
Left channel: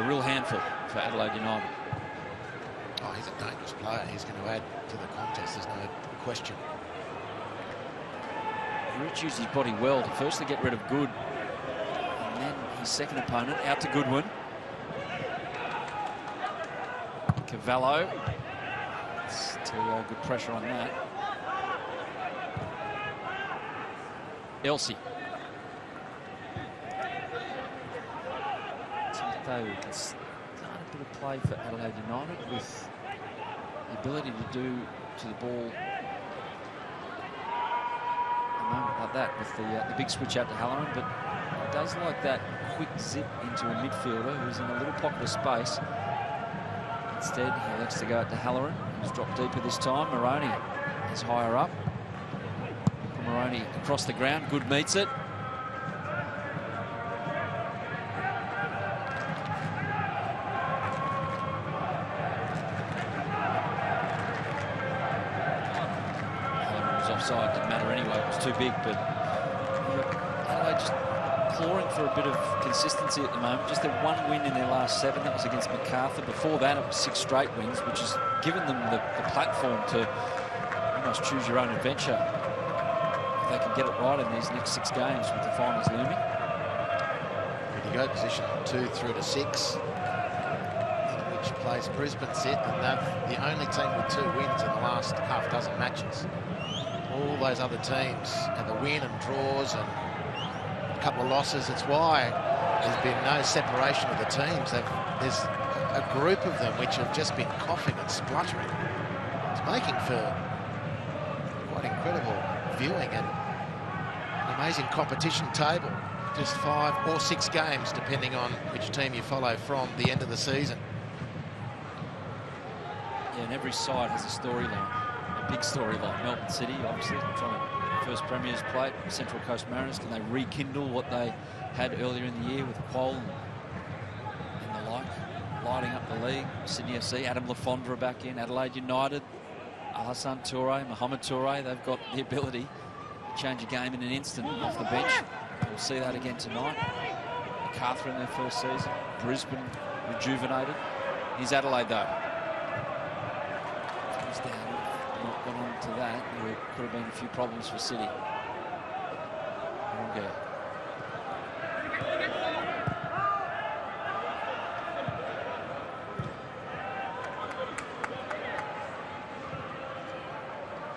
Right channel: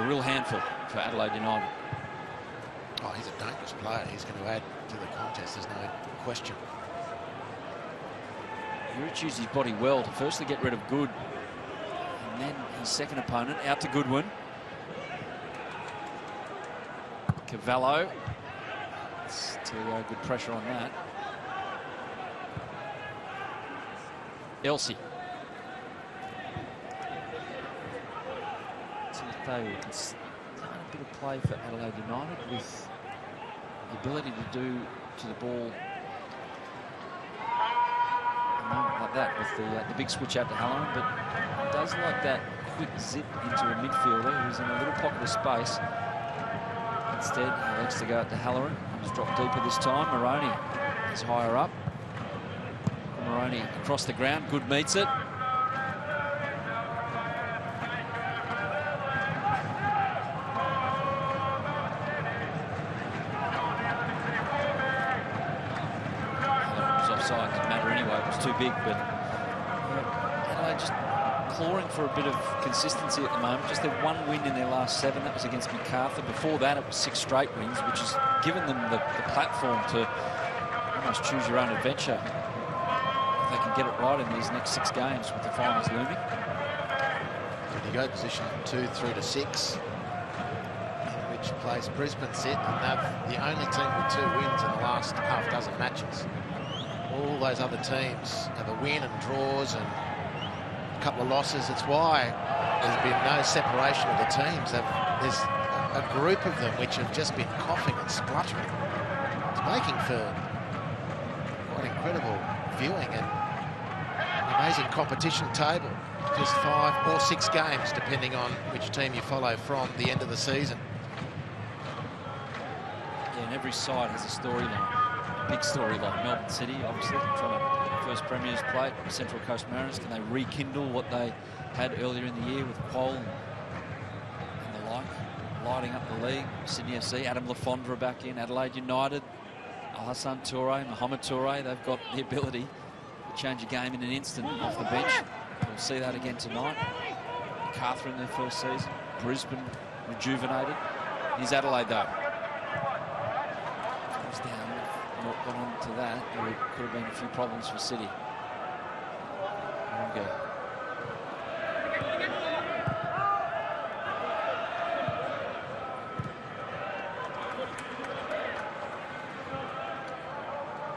real handful for Adelaide United. Oh, he's a dangerous player. He's going to add to the contest, there's no question. Rich used his body well to firstly get rid of Good, and then his second opponent out to Goodwin. Cavallo. Tilio, good pressure on that. Elsie. Timothy can start a bit of play for Adelaide United with the ability to do to the ball a moment like that with the big switch out to Halloran, but he does like that quick zip into a midfielder who's in a little pocket of space. Instead, he elects to go out to Halloran. He's dropped deeper this time. Moroney is higher up. Moroney across the ground. Good meets it. Halloran was offside. Didn't matter anyway. It was too big. But yeah, Adelaide just clawing for a bit of consistency at the moment. Just their one win in their last 7. That was against Macarthur. Before that, it was 6 straight wins, which has given them the platform to almost choose your own adventure if they can get it right in these next 6 games with the finals looming. When you go position 2 through to 6, in which place Brisbane sit, and they're the only team with 2 wins in the last half dozen matches. All those other teams have a win and draws and a couple of losses. It's why there's been no separation of the teams. There's a group of them which have just been coughing and spluttering. It's making for quite incredible viewing and an amazing competition table. Just 5 or 6 games, depending on which team you follow from the end of the season. Yeah, and every side has a storyline, a big storyline. Melbourne City, obviously, trying to first Premier's plate. Central Coast Mariners, can they rekindle what they had earlier in the year with Quoll and the like, lighting up the league? Sydney FC, Adam Lafondra back in. Adelaide United, Alhassan Toure, Mohamed Toure, they've got the ability to change a game in an instant off the bench. We'll see that again tonight. Macarthur in their first season. Brisbane rejuvenated. Here's Adelaide, though. Comes down, not gone on to that. There could have been a few problems for City. Okay.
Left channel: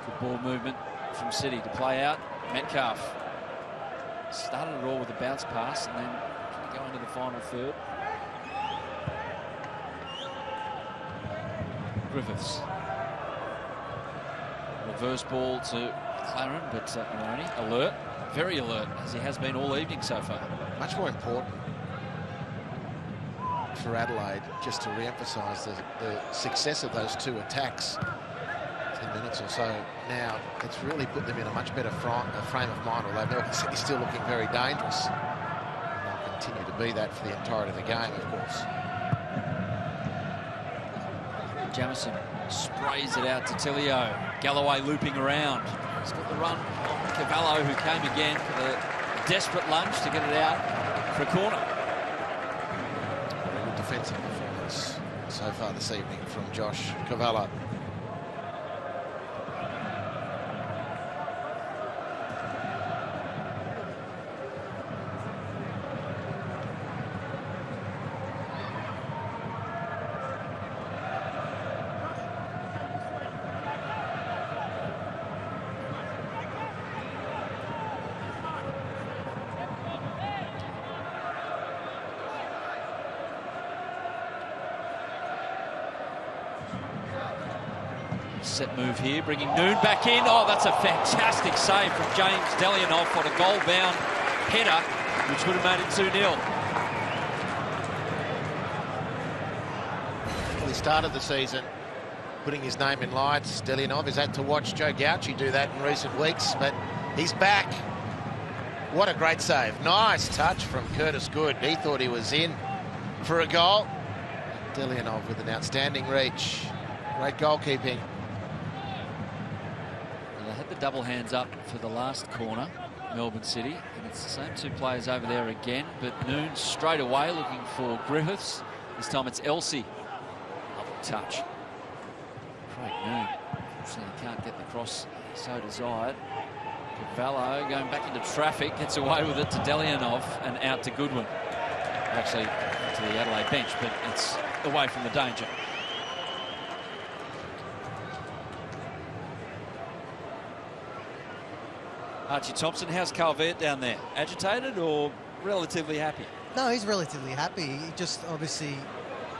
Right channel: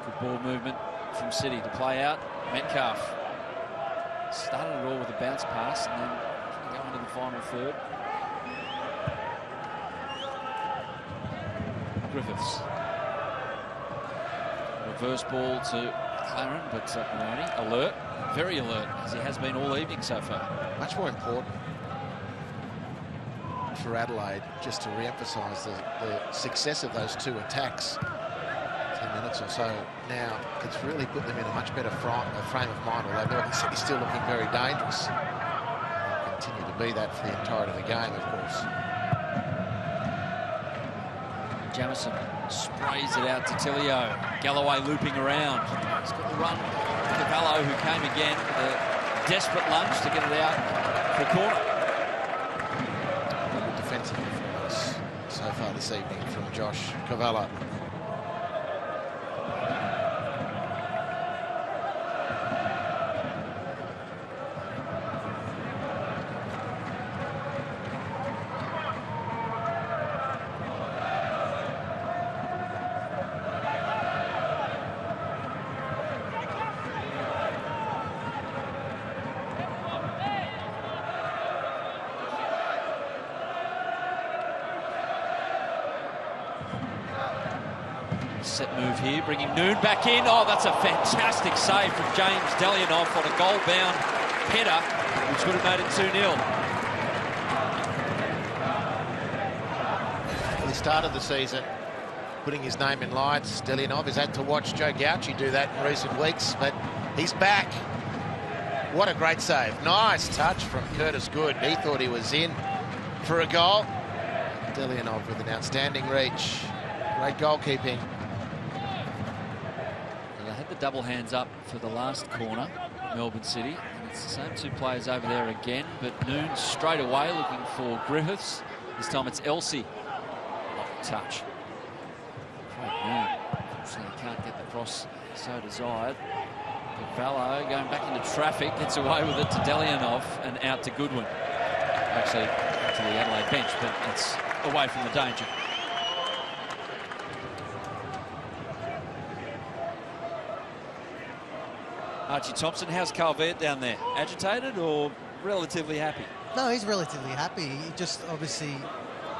Good ball movement from City to play out. Metcalf started it all with a bounce pass and then go into the final third. Griffiths. Reverse ball to Claren, but Moroney alert, very alert, as he has been all evening so far. Much more important for Adelaide, just to re-emphasise the success of those 2 attacks. 10 minutes or so now, it's really put them in a much better frame of mind, although Melbourne City still looking very dangerous. And they'll continue to be that for the entirety of the game, of course. Jamison sprays it out to Tilio. Galloway looping around. He's got the run. Cavallo, who came again with a desperate lunge to get it out for a corner. Very good defensive performance so far this evening from Josh Cavallo. Set move here, bringing Noon back in. Oh, that's a fantastic save from James Delianoff on a goal-bound header, which would have made it 2-0. Well, he started the season putting his name in lights. Delianov has had to watch Joe Gauci do that in recent weeks, but he's back. What a great save. Nice touch from Curtis Good. He thought he was in for a goal. Delianov with an outstanding reach. Great goalkeeping. They had the double hands up for the last corner, Melbourne City, and it's the same two players over there again, but Noon straight away looking for Griffiths. This time it's Elsie. Lovely touch. Craig Noon, unfortunately he can't get the cross so desired. Cavallo going back into traffic, gets away with it to Delianov and out to Goodwin. Actually out to the Adelaide bench, but it's away from the danger. Archie Thompson, how's Calvert down there? Agitated or relatively happy? No, he's relatively happy. He just obviously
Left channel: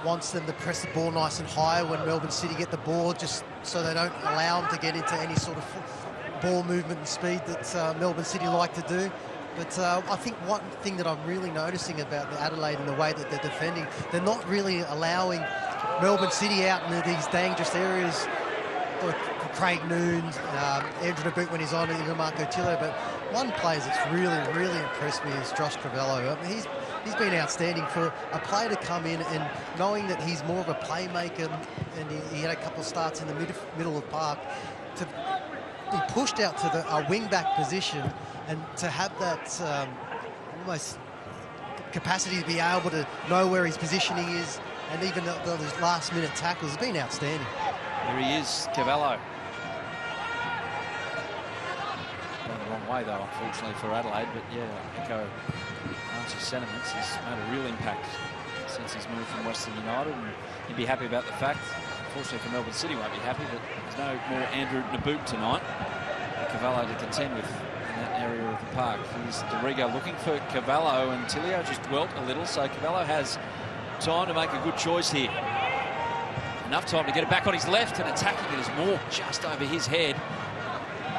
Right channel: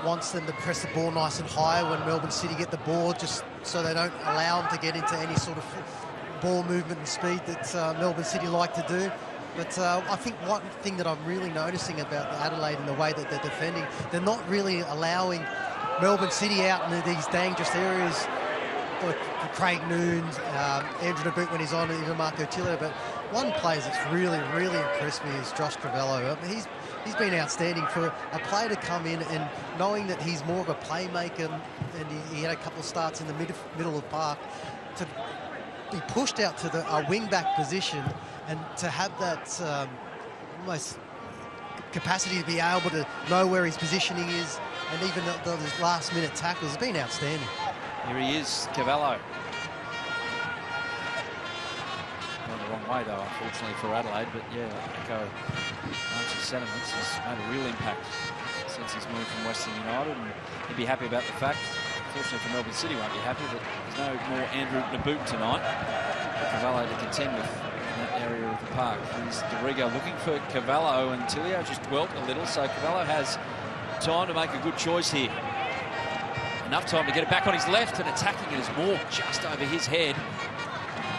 wants them to press the ball nice and high when Melbourne City get the ball, just so they don't allow them to get into any sort of ball movement and speed that Melbourne City like to do. But I think one thing that I'm really noticing about the Adelaide and the way that they're defending, they're not really allowing Melbourne City out in these dangerous areas. Like Craig Noon, Andrew Naboot when he's on, even Marco Tillo. But one player that's really impressed me is Josh Cavallo. I mean, he's been outstanding for a player to come in and knowing that he's more of a playmaker, and he had a couple of starts in the middle of the park, to be pushed out to the wing-back position and to have that almost capacity to be able to know where his positioning is, and even those last-minute tackles has been outstanding. Here he is, Cavallo. Going the wrong way, though, unfortunately, for Adelaide. But, yeah, I echo Archie's sentiments. He's made a real impact since he's moved from Western United, and he'd be happy about the fact, unfortunately for Melbourne City, won't be happy that there's no more Andrew Naboot tonight. For Cavallo to contend with in that area of the park. Here's Dorigo looking for Cavallo, and Tilio just dwelt a little, so Cavallo has time to make a good choice here. Enough time to get it back on his left, and attacking it is Moore just over his head.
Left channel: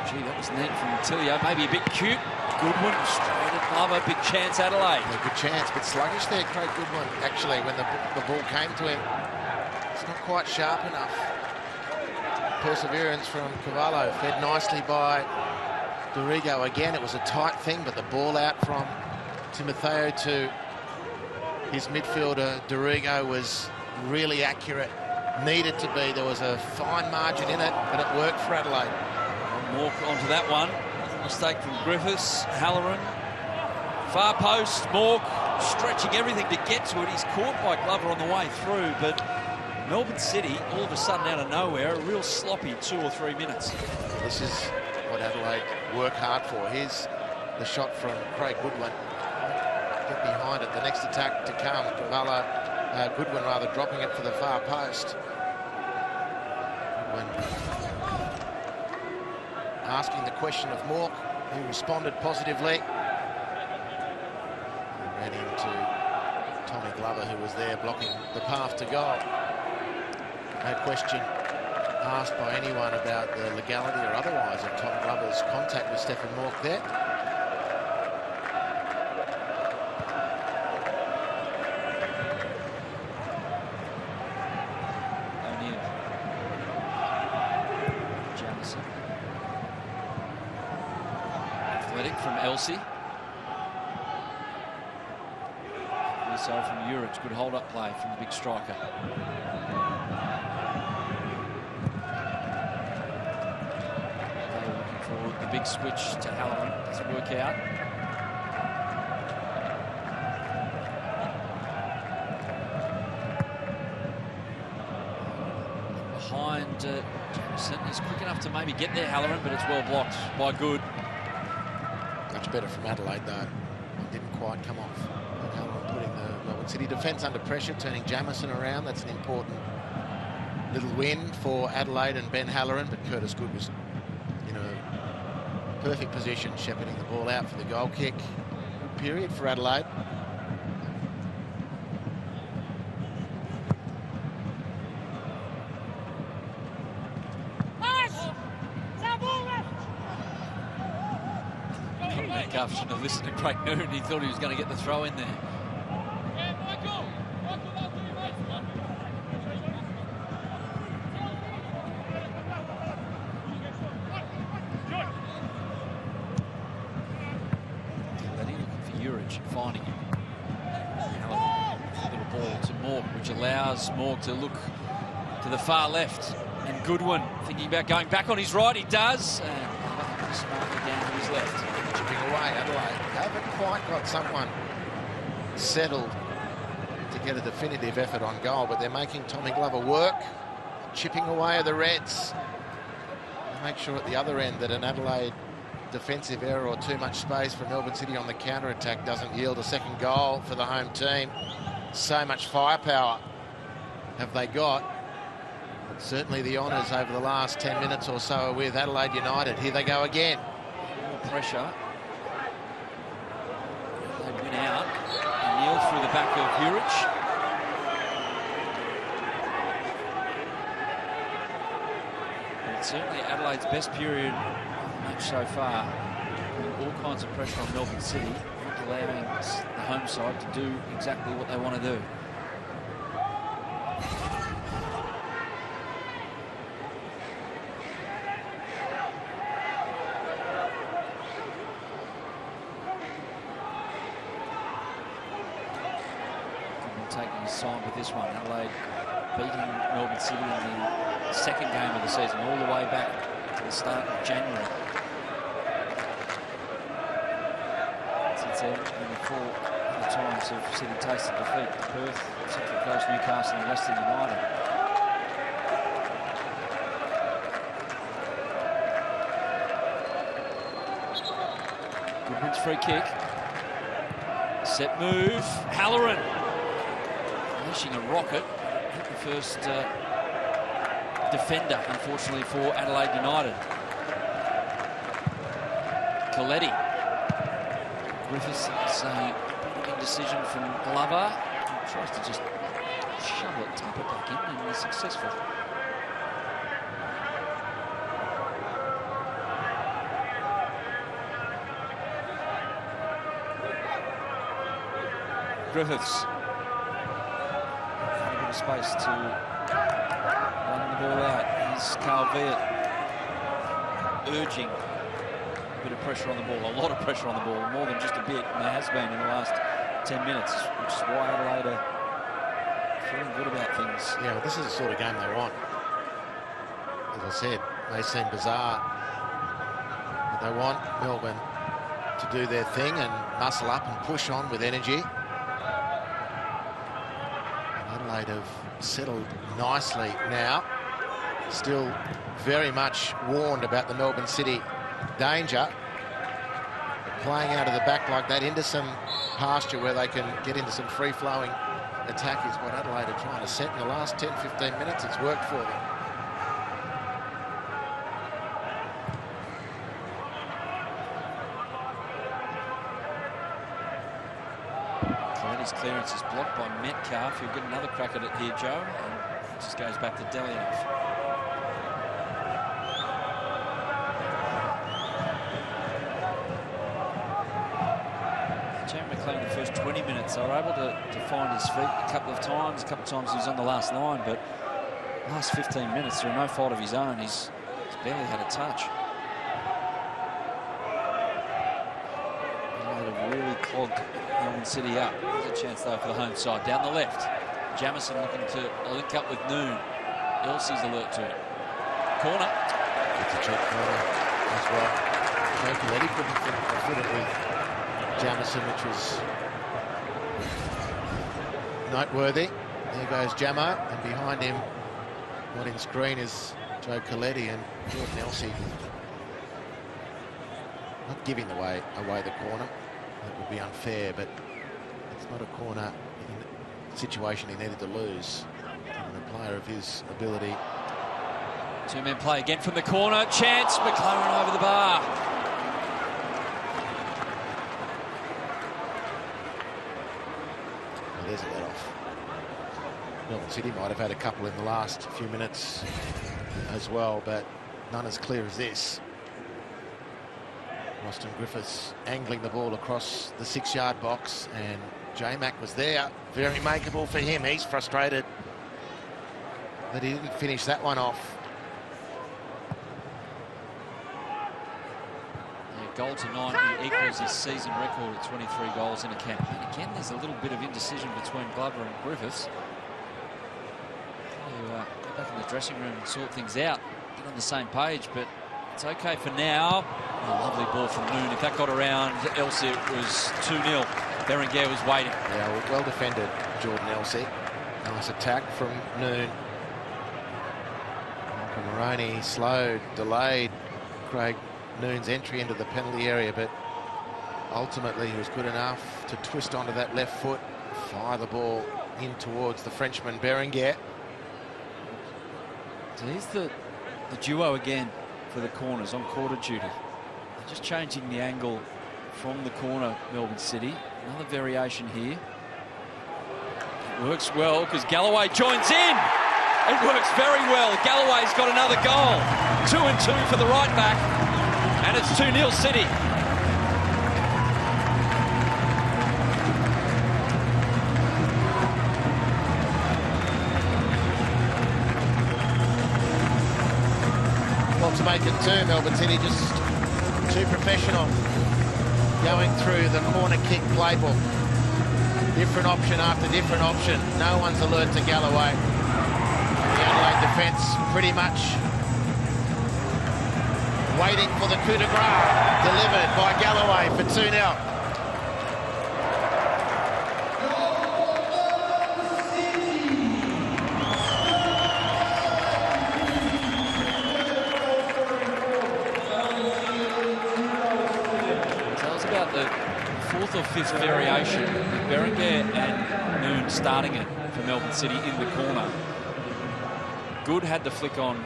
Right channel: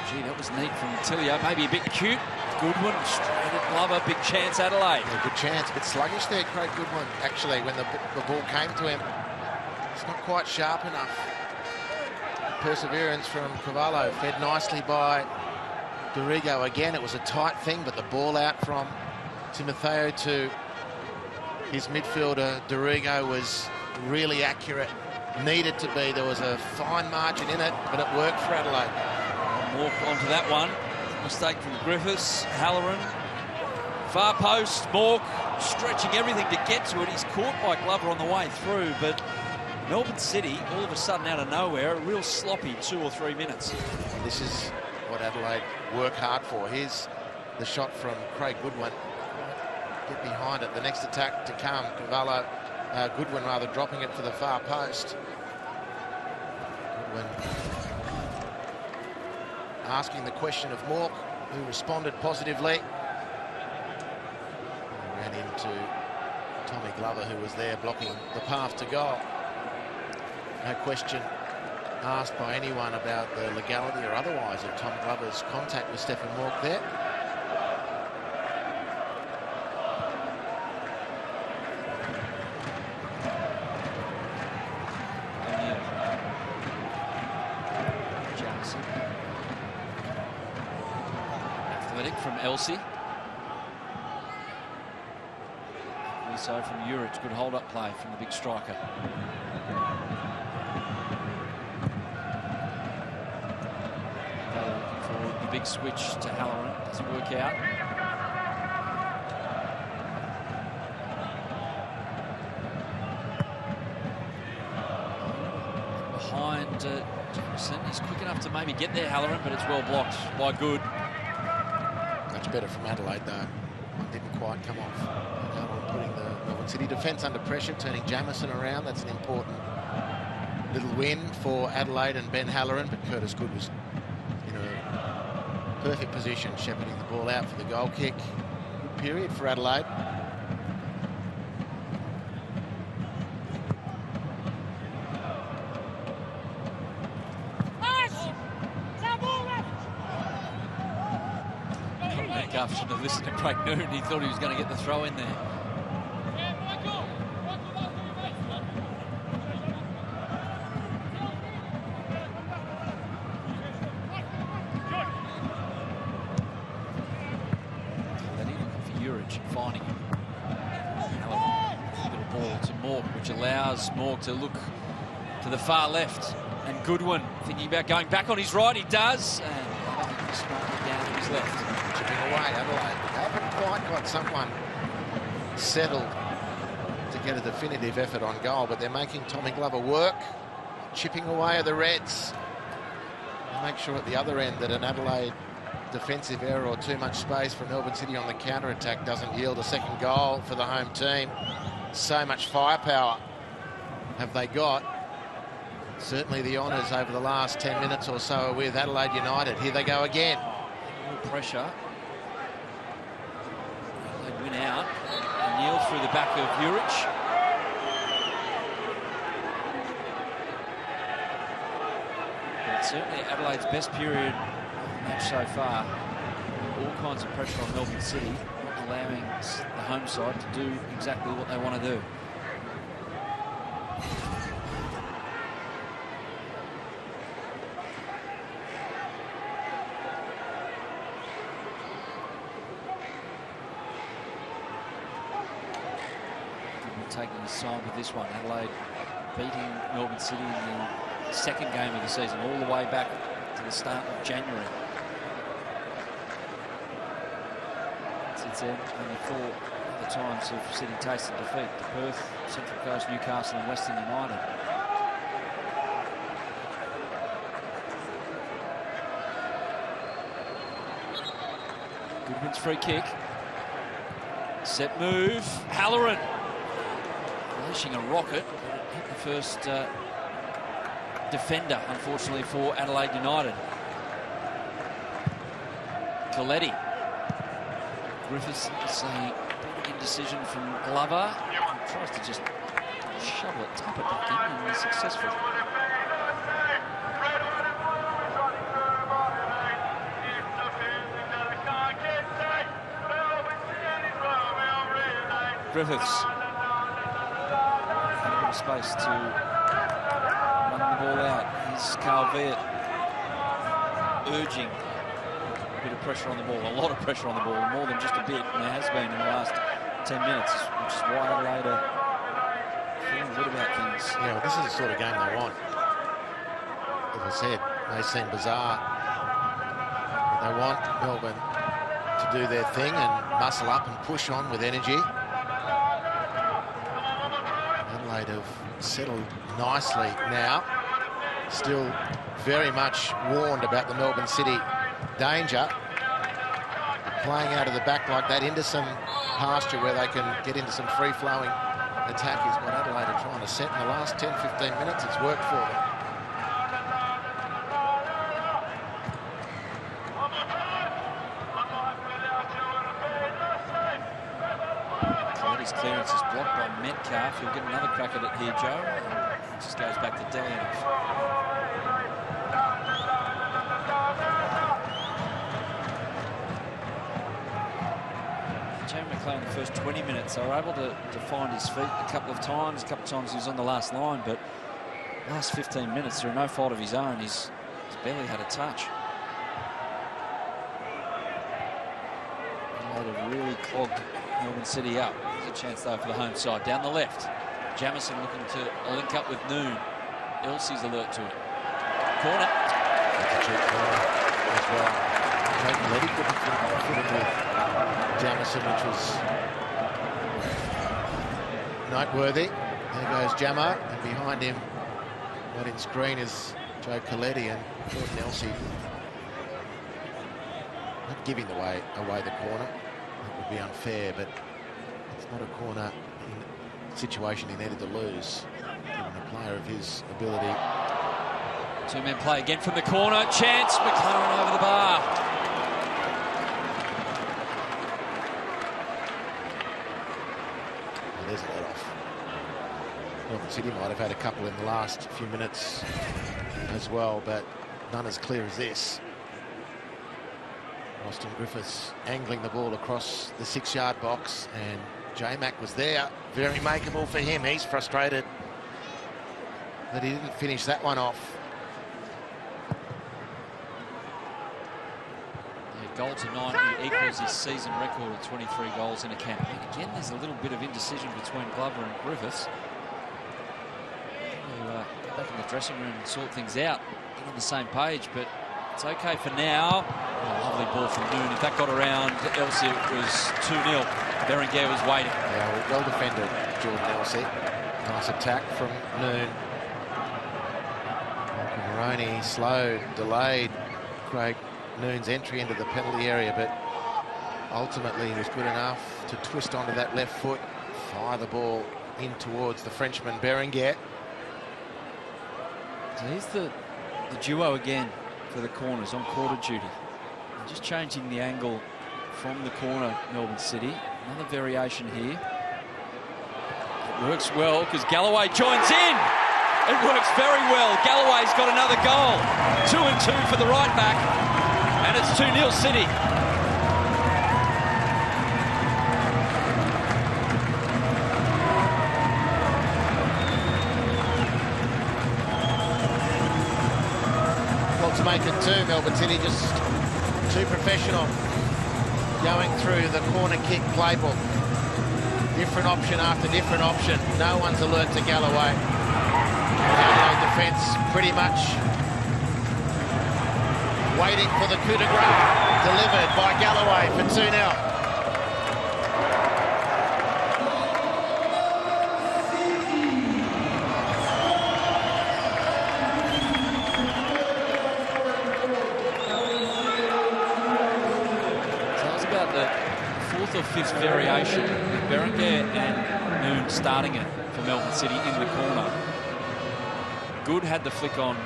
Gee, that was neat from Tilio. Maybe a bit cute. Goodwin straight at Glover. Big chance, Adelaide. Yeah, good chance. A bit sluggish there, Craig Goodwin. Actually, when the ball came to him, it's not quite sharp enough. Perseverance from Cavallo, fed nicely by Dorigo. Again, it was a tight thing, but the ball out from Timotheo to his midfielder, Dorigo, was really accurate. Needed to be. There was a fine margin in it, but it worked for Adelaide. Well, Mork onto that one. Mistake from Griffiths. Halloran. Far post. Mork stretching everything to get to it. He's caught by Glover on the way through, but Melbourne City, all of a sudden out of nowhere, a real sloppy 2 or 3 minutes. This is what Adelaide work hard for. Here's the shot from Craig Goodwin. Get behind it. The next attack to come. Cavallo. Goodwin rather dropping it for the far post. Goodwin asking the question of Mork, who responded positively. He ran into Tommy Glover, who was there blocking the path to goal. No question asked by anyone about the legality or otherwise of Tom Glover's contact with Stephen Mork there. Jamison. Athletic from Elsie. So from Urich, good hold-up play from the big striker. They were looking for the big switch to Halloran. Doesn't work out. Behind Jamison. He's quick enough to maybe get there, Halloran, but it's well blocked by Good. Much better from Adelaide, though. It didn't quite come off. And Halloran putting the Melbourne City defence under pressure, turning Jamison around. That's an important little win for Adelaide and Ben Halloran, but Curtis Good was in a perfect position, shepherding the ball out for the goal kick. Good period for Adelaide. Shouldn't have listened to Craig Noon. He thought he was going to get the throw in there. Lenny looking for Urich, finding him. Halloran, little ball to Mork, which allows Mork to look to the far left. And Goodwin thinking about going back on his right. He does. And Glover smartly down to his left. Chipping away, Adelaide haven't quite got someone settled to get a definitive effort on goal, but they're making Tommy Glover work, chipping away at the Reds. They make sure at the other end that an Adelaide defensive error or too much space for Melbourne City on the counter-attack doesn't yield a second goal for the home team. So much firepower have they got. But certainly the honours over the last 10 minutes or so are with Adelaide United. Here they go again. More pressure. Adelaide win out. O'Neill through the back of Hurich. But it's certainly Adelaide's best period of the match so far, putting all kinds of pressure on Melbourne City, not allowing the home side to do exactly what they want to do. Taking his time with this one. Adelaide beating Melbourne City in the second game of the season, all the way back to the start of January. Since then, only 4 other times have City tasted defeat: Perth, Central Coast, Newcastle and Western United. Goodwin's free kick. Set move. Halloran unleashing a rocket, but it hit the first defender, unfortunately, for Adelaide United. Coletti. Griffiths has a bit of indecision from Glover. He tries to just shovel it, tap it back in, and he's successful. Griffiths. A bit of space to run the ball out. Here's Carl Viet urging a bit of pressure on the ball, a lot of pressure on the ball, more than just a bit, and there has been in the last 10 minutes, which is why Adelaide are feeling good about things. Yeah, well, this is the sort of game they want. As I said, may seem bizarre, but they want Melbourne to do their thing and muscle up and push on with energy. Adelaide have settled nicely now, still very much warned about the Melbourne City danger. But playing out of the back like that into some pasture where they can get into some free-flowing attack is what Adelaide are trying to set in the last 10-15 minutes. It's worked for them. Coletti's clearance is blocked by Metcalf. He'll get another crack at it here, Joe. And it just goes back to Delianoff. Jamie McLaren, the first 20 minutes, they were able to find his feet a couple of times. A couple of times he was on the last line, but last 15 minutes, through no fault of his own, he's barely had a touch. Adelaide have really clogged Melbourne City up. There's a chance, though, for the home side. Down the left, Jamison looking to link up with Noon. Elsie's alert to it. Corner. That's a cheap corner as well. Joe Coletti couldn't fit it with Jamison, which was noteworthy. There goes Jamo, and behind him, not in screen, is Joe Coletti and Jordan Elsey. Not giving away the corner. That would be unfair, but it's not a corner situation he needed to lose, given a player of his ability. Two-man play again from the corner. Chance. McLaren over the bar. Well, there's a let-off. Melbourne City might have had a couple in the last few minutes as well, but none as clear as this. Roston Griffiths angling the ball across the 6-yard box, and J-Mac was there. Very makeable for him. He's frustrated that he didn't finish that one off. Yeah, goal tonight, he equals his season record of 23 goals in a campaign. Again, there's a little bit of indecision between Glover and Griffiths. Get back in the dressing room and sort things out. Get on the same page, but it's okay for now. Oh, lovely ball from Noon. If that got around Elsey, it was 2-0. Berenguer was waiting. Yeah, well defended, Jordan Elsey. Nice attack from Noon. Michael Moroney slowed, delayed Craig Noon's entry into the penalty area, but ultimately he was good enough to twist onto that left foot, fire the ball in towards the Frenchman Berenguer. So here's the duo again for the corners on quarter duty. They're just changing the angle from the corner, Melbourne City. Another variation here. It works well because Galloway joins in. It works very well. Galloway's got another goal. 2-2 for the right back. And it's 2-0 City. Well, to make it 2, Melbourne City just too professional. Going through the corner kick playbook. Different option after different option. No one's alert to Galloway. The Adelaide defence pretty much waiting for the coup de grace delivered by Galloway for 2-0. So that was about the 4th or 5th variation with Berenguer and Noon starting it for Melbourne City in the corner. Good had the flick on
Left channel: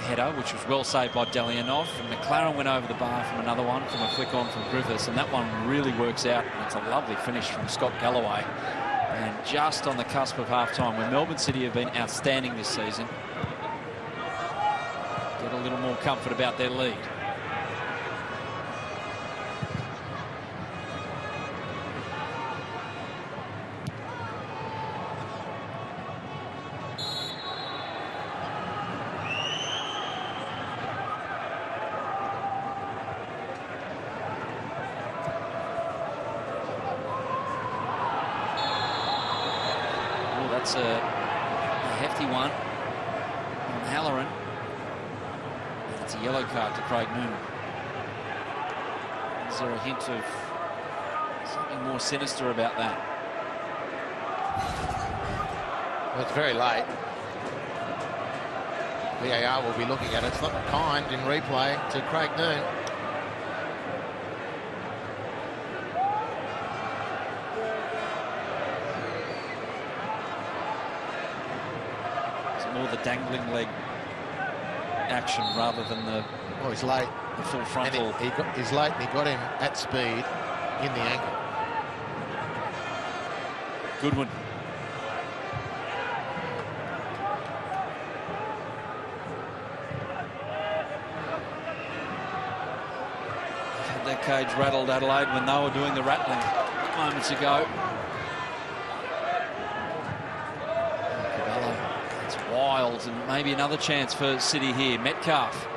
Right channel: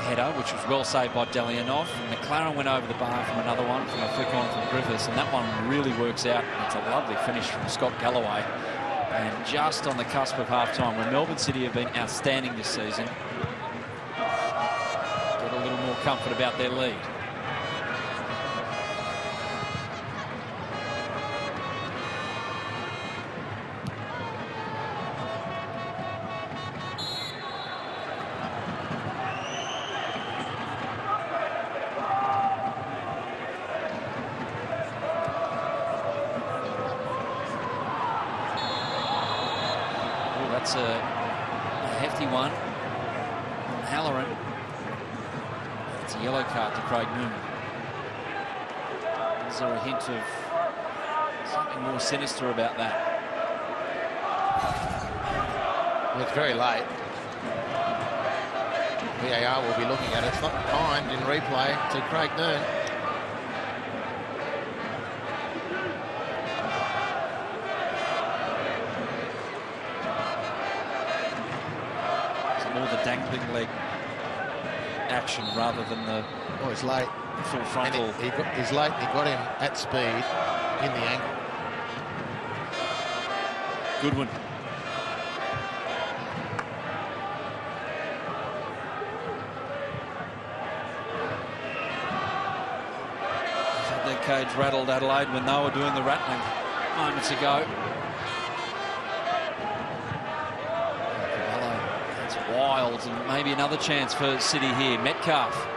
header, which was well saved by Delianov. And McLaren went over the bar from another one, from a flick on from Griffiths, and that one really works out. And it's a lovely finish from Scott Galloway. And just on the cusp of half-time, when Melbourne City have been outstanding this season, get a little more comfort about their lead. That's a hefty one on Halloran. It's a yellow card to Craig Noon. Is there a hint of something more sinister about that? Well, it's very late. VAR will be looking at it. It's not kind in replay to Craig Noon. More the dangling leg action rather than the he's late. The full frontal. He's late and he got him at speed in the ankle. Good one. Had their cage rattled, Adelaide, when they were doing the rattling moments ago. Wild, and maybe another chance for City here. Metcalf.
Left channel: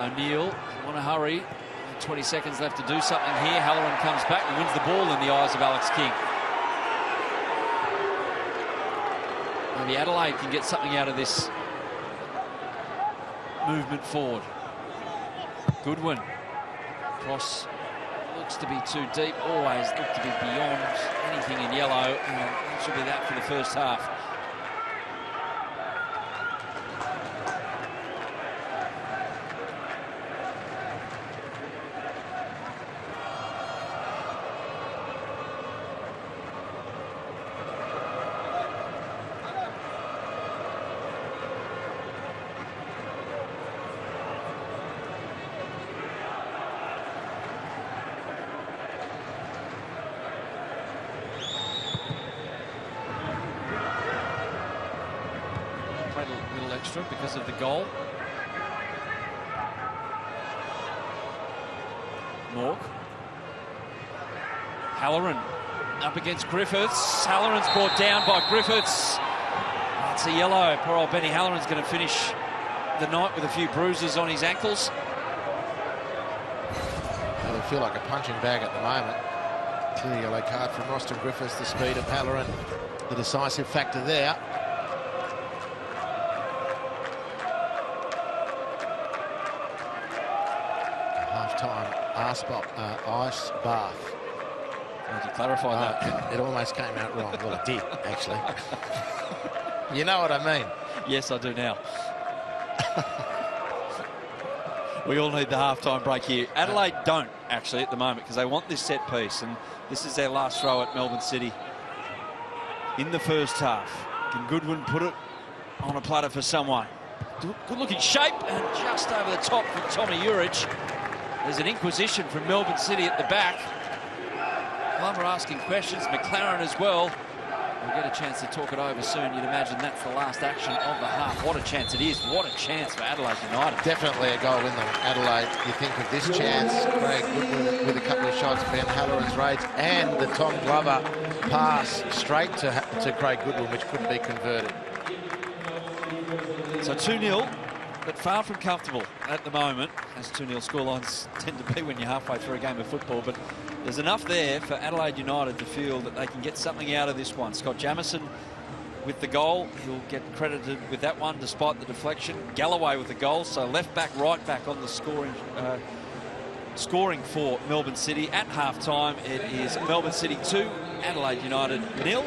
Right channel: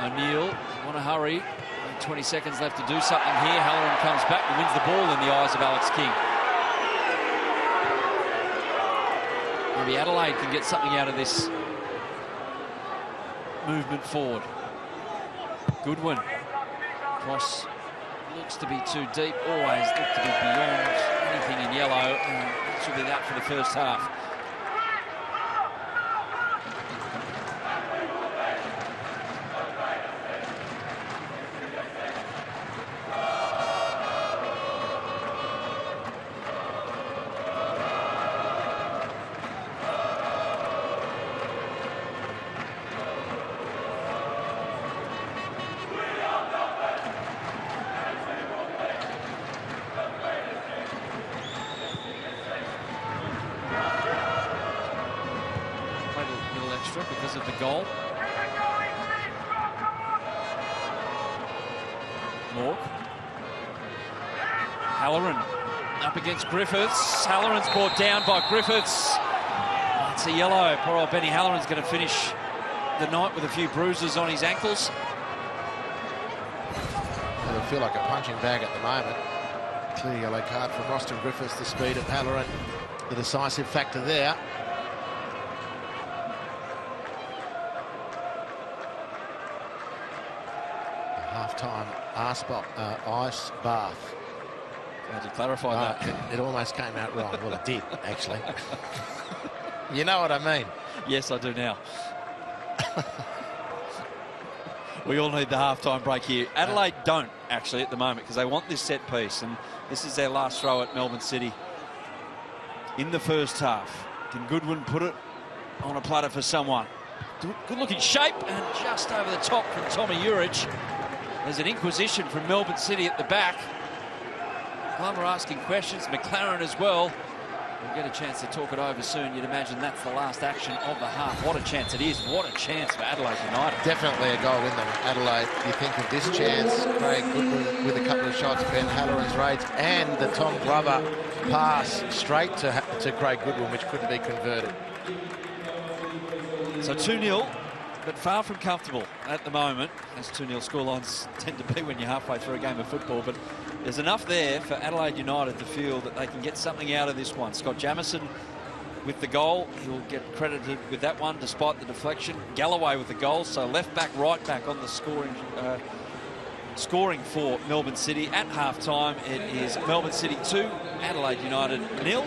O'Neill, want to hurry. 20 seconds left to do something here. Halloran comes back and wins the ball in the eyes of Alex King. Maybe Adelaide can get something out of this movement forward. Goodwin. Cross looks to be too deep, always looked to be beyond anything in yellow, and that should be that for the first half. Extra because of the goal. Mork. Halloran up against Griffiths. Halloran's brought down by Griffiths. That's a yellow. Poor old Benny Halloran's going to finish the night with a few bruises on his ankles. It'll feel like a punching bag at the moment. Clear yellow card from Roston Griffiths. The speed of Halloran, the decisive factor there. A half-time ice bath. Glad you clarified that. It almost came out wrong. Well, it did, actually. You know what I mean? Yes, I do now. We all need the half-time break here. Adelaide don't, actually, at the moment, because they want this set piece, and this is their last throw at Melbourne City in the first half. Can Goodwin put it on a platter for someone? Good-looking shape, and just over the top from Tommy Urich. There's an inquisition from Melbourne City at the back. Glover asking questions, McLaren as well. We'll get a chance to talk it over soon. You'd imagine that's the last action of the half. What a chance it is. What a chance for Adelaide United. Definitely a goal in them, Adelaide. You think of this chance, Craig Goodwin with a couple of shots, Ben Halloran's raids, and the Tom Glover pass straight to Craig Goodwin, which couldn't be converted. So 2-0, but far from comfortable at the moment, as 2-0 scorelines tend to be when you're halfway through a game of football. But there's enough there for Adelaide United to feel that they can get something out of this one. Scott Jamison with the goal. He'll get credited with that one despite the deflection. Galloway with the goal. So left back, right back on the scoring for Melbourne City. At half-time, it is Melbourne City 2, Adelaide United 0.